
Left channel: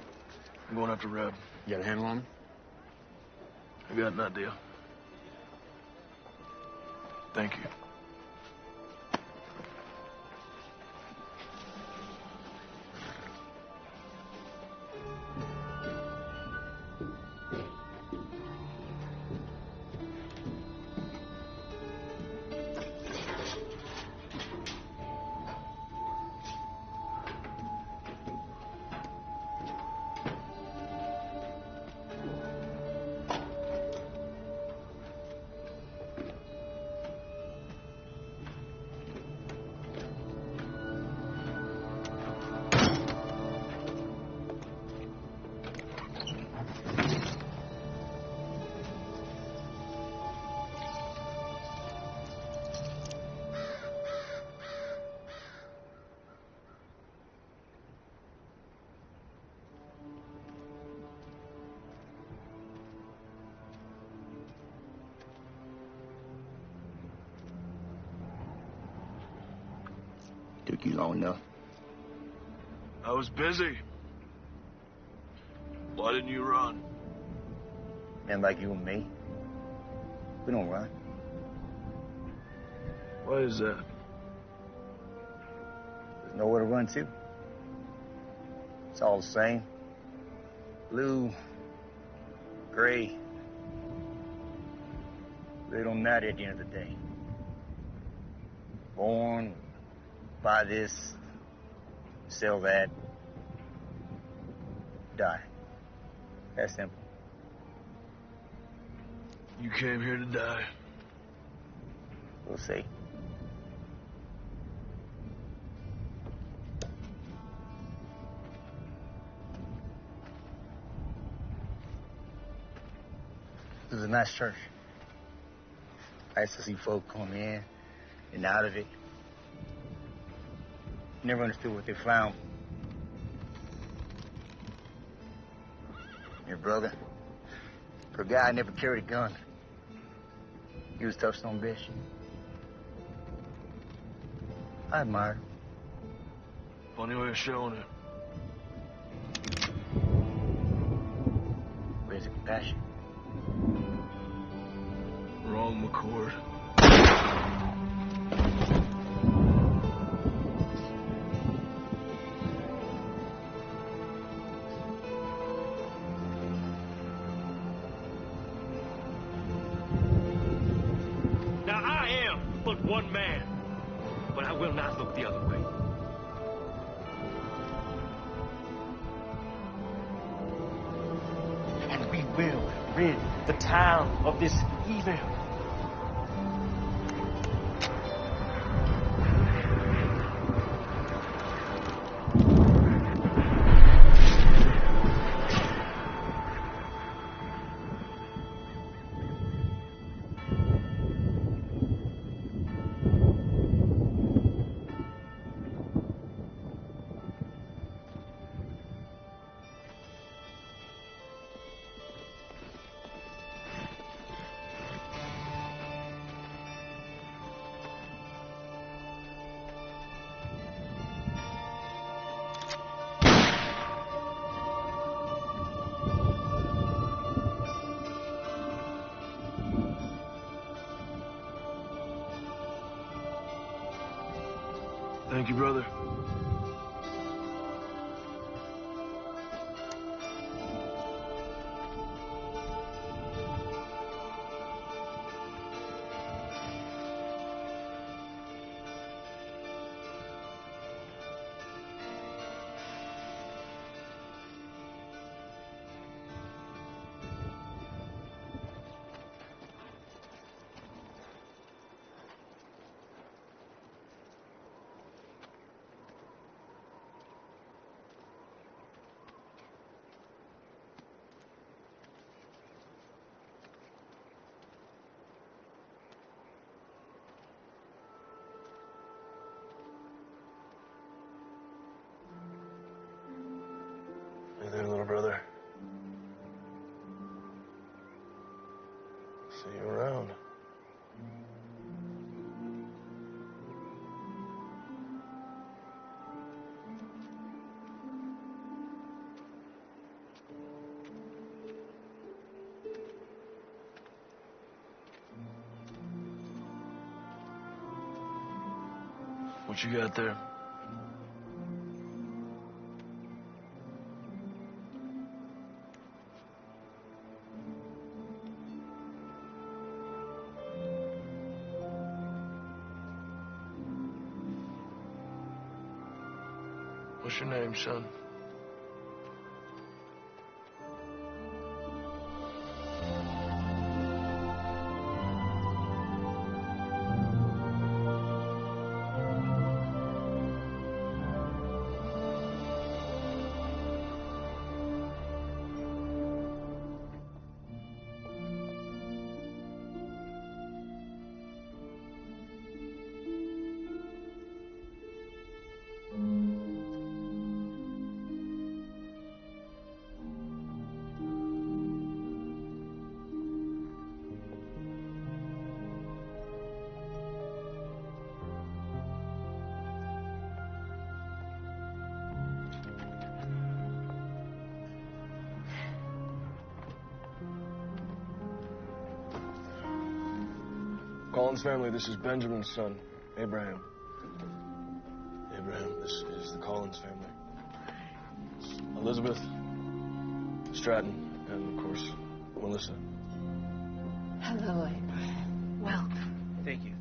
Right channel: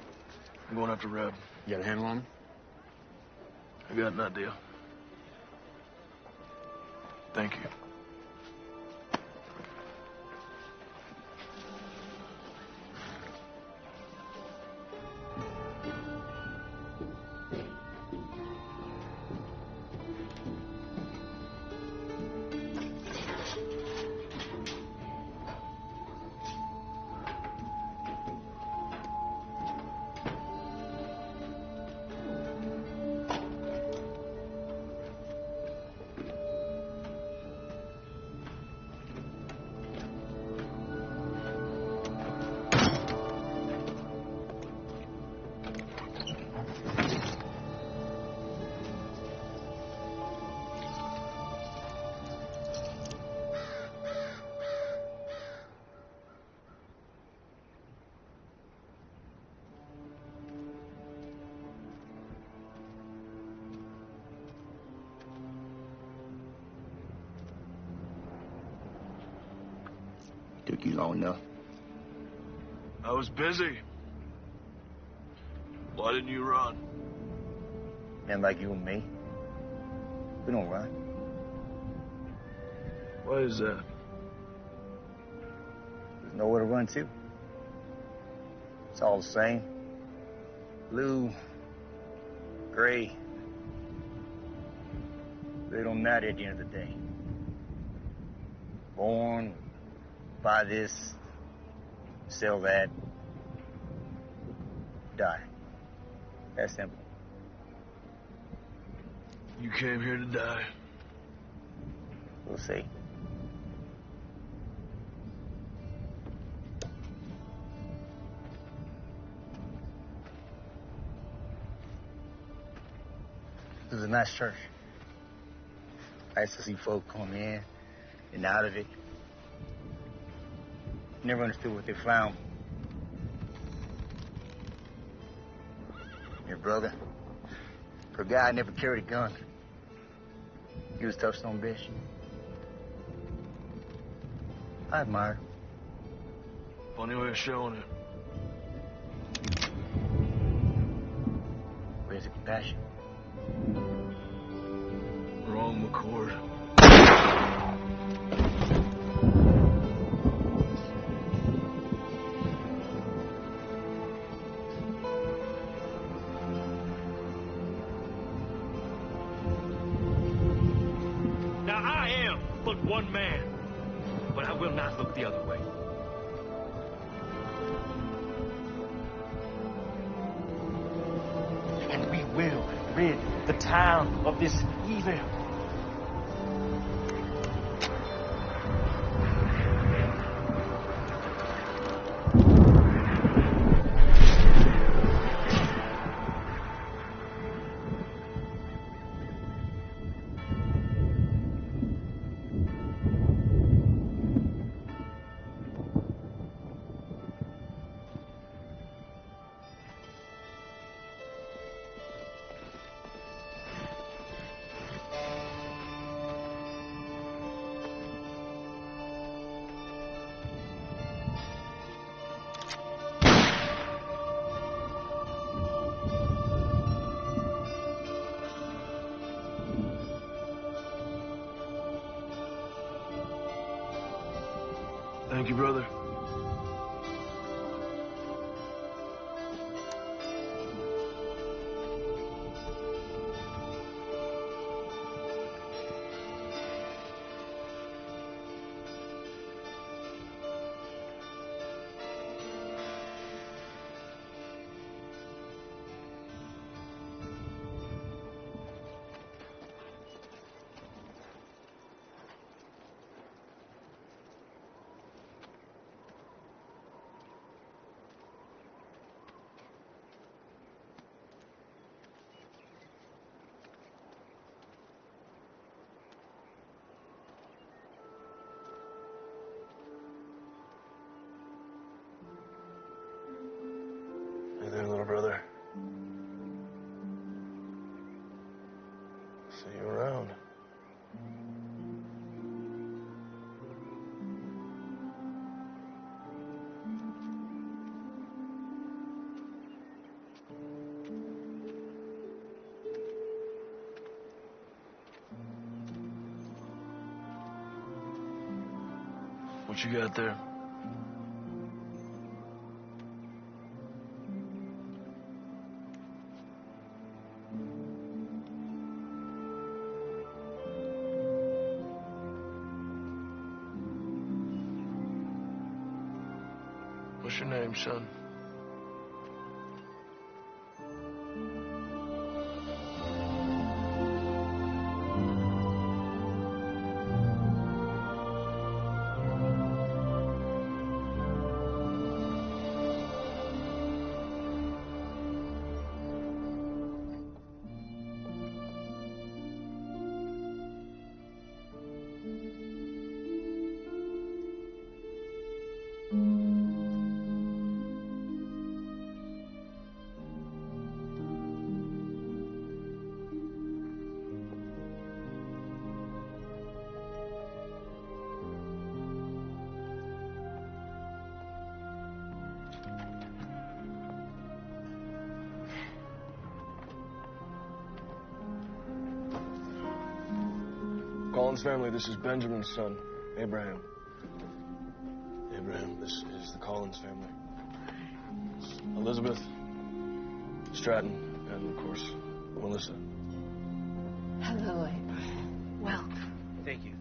I'm going after Reb. You got a handle on him? I got an idea. Thank you. Took you long enough. I was busy. Why didn't you run? Men like you and me, we don't run. Why is that? There's nowhere to run to. It's all the same. Blue, gray. They don't matter at the end of the day. Born, buy this, sell that, die. That simple. You came here to die. We'll see. This is a nice church. Nice to see folk come in and out of it. Never understood what they found. Your brother, for a guy, never carried a gun. He was a tough son of a bitch. I admire him. Funny way of showing it. Where's the compassion? Wrong, McCord. Now I am but one man, but I will not look the other way. And we will rid the town of this evil. Thank you, brother. Hey there, little brother. See you around. What you got there? What's your name, son? Collins family, this is Benjamin's son, Abraham. Abraham, this is the Collins family. It's Elizabeth, Stratton, and of course, Melissa. Hello, Abraham. Welcome. Thank you.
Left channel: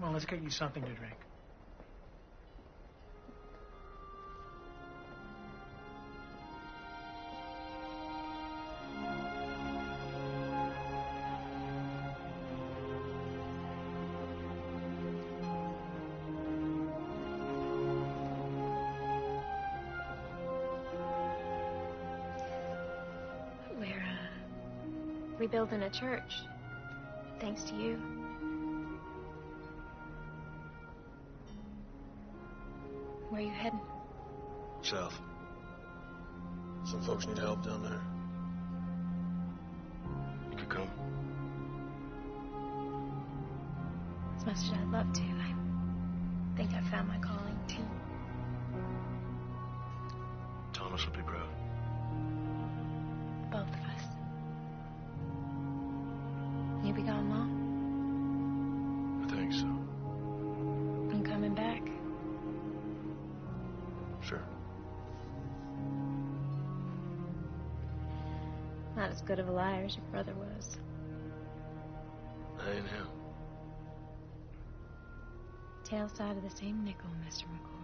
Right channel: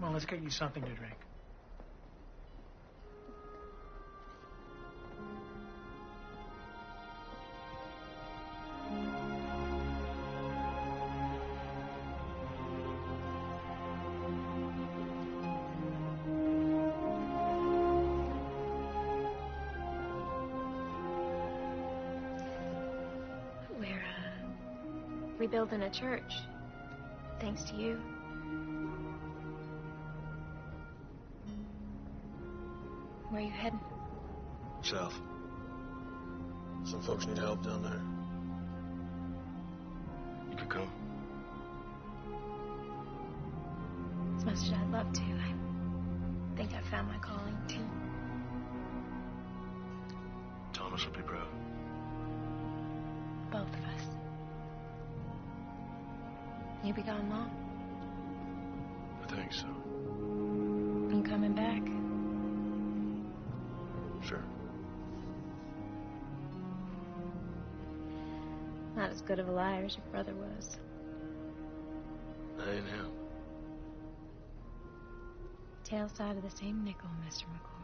Well, let's get you something to drink. rebuilding a church. Thanks to you. Where are you heading? South. Some folks need help down there. You could come. As much as I'd love to, I think I found my calling, too. Thomas would be proud. Both of us. You be gone long? I think so. You coming back? Sure. Not as good of a liar as your brother was. I ain't him. Tail side of the same nickel, Mr. McCoy.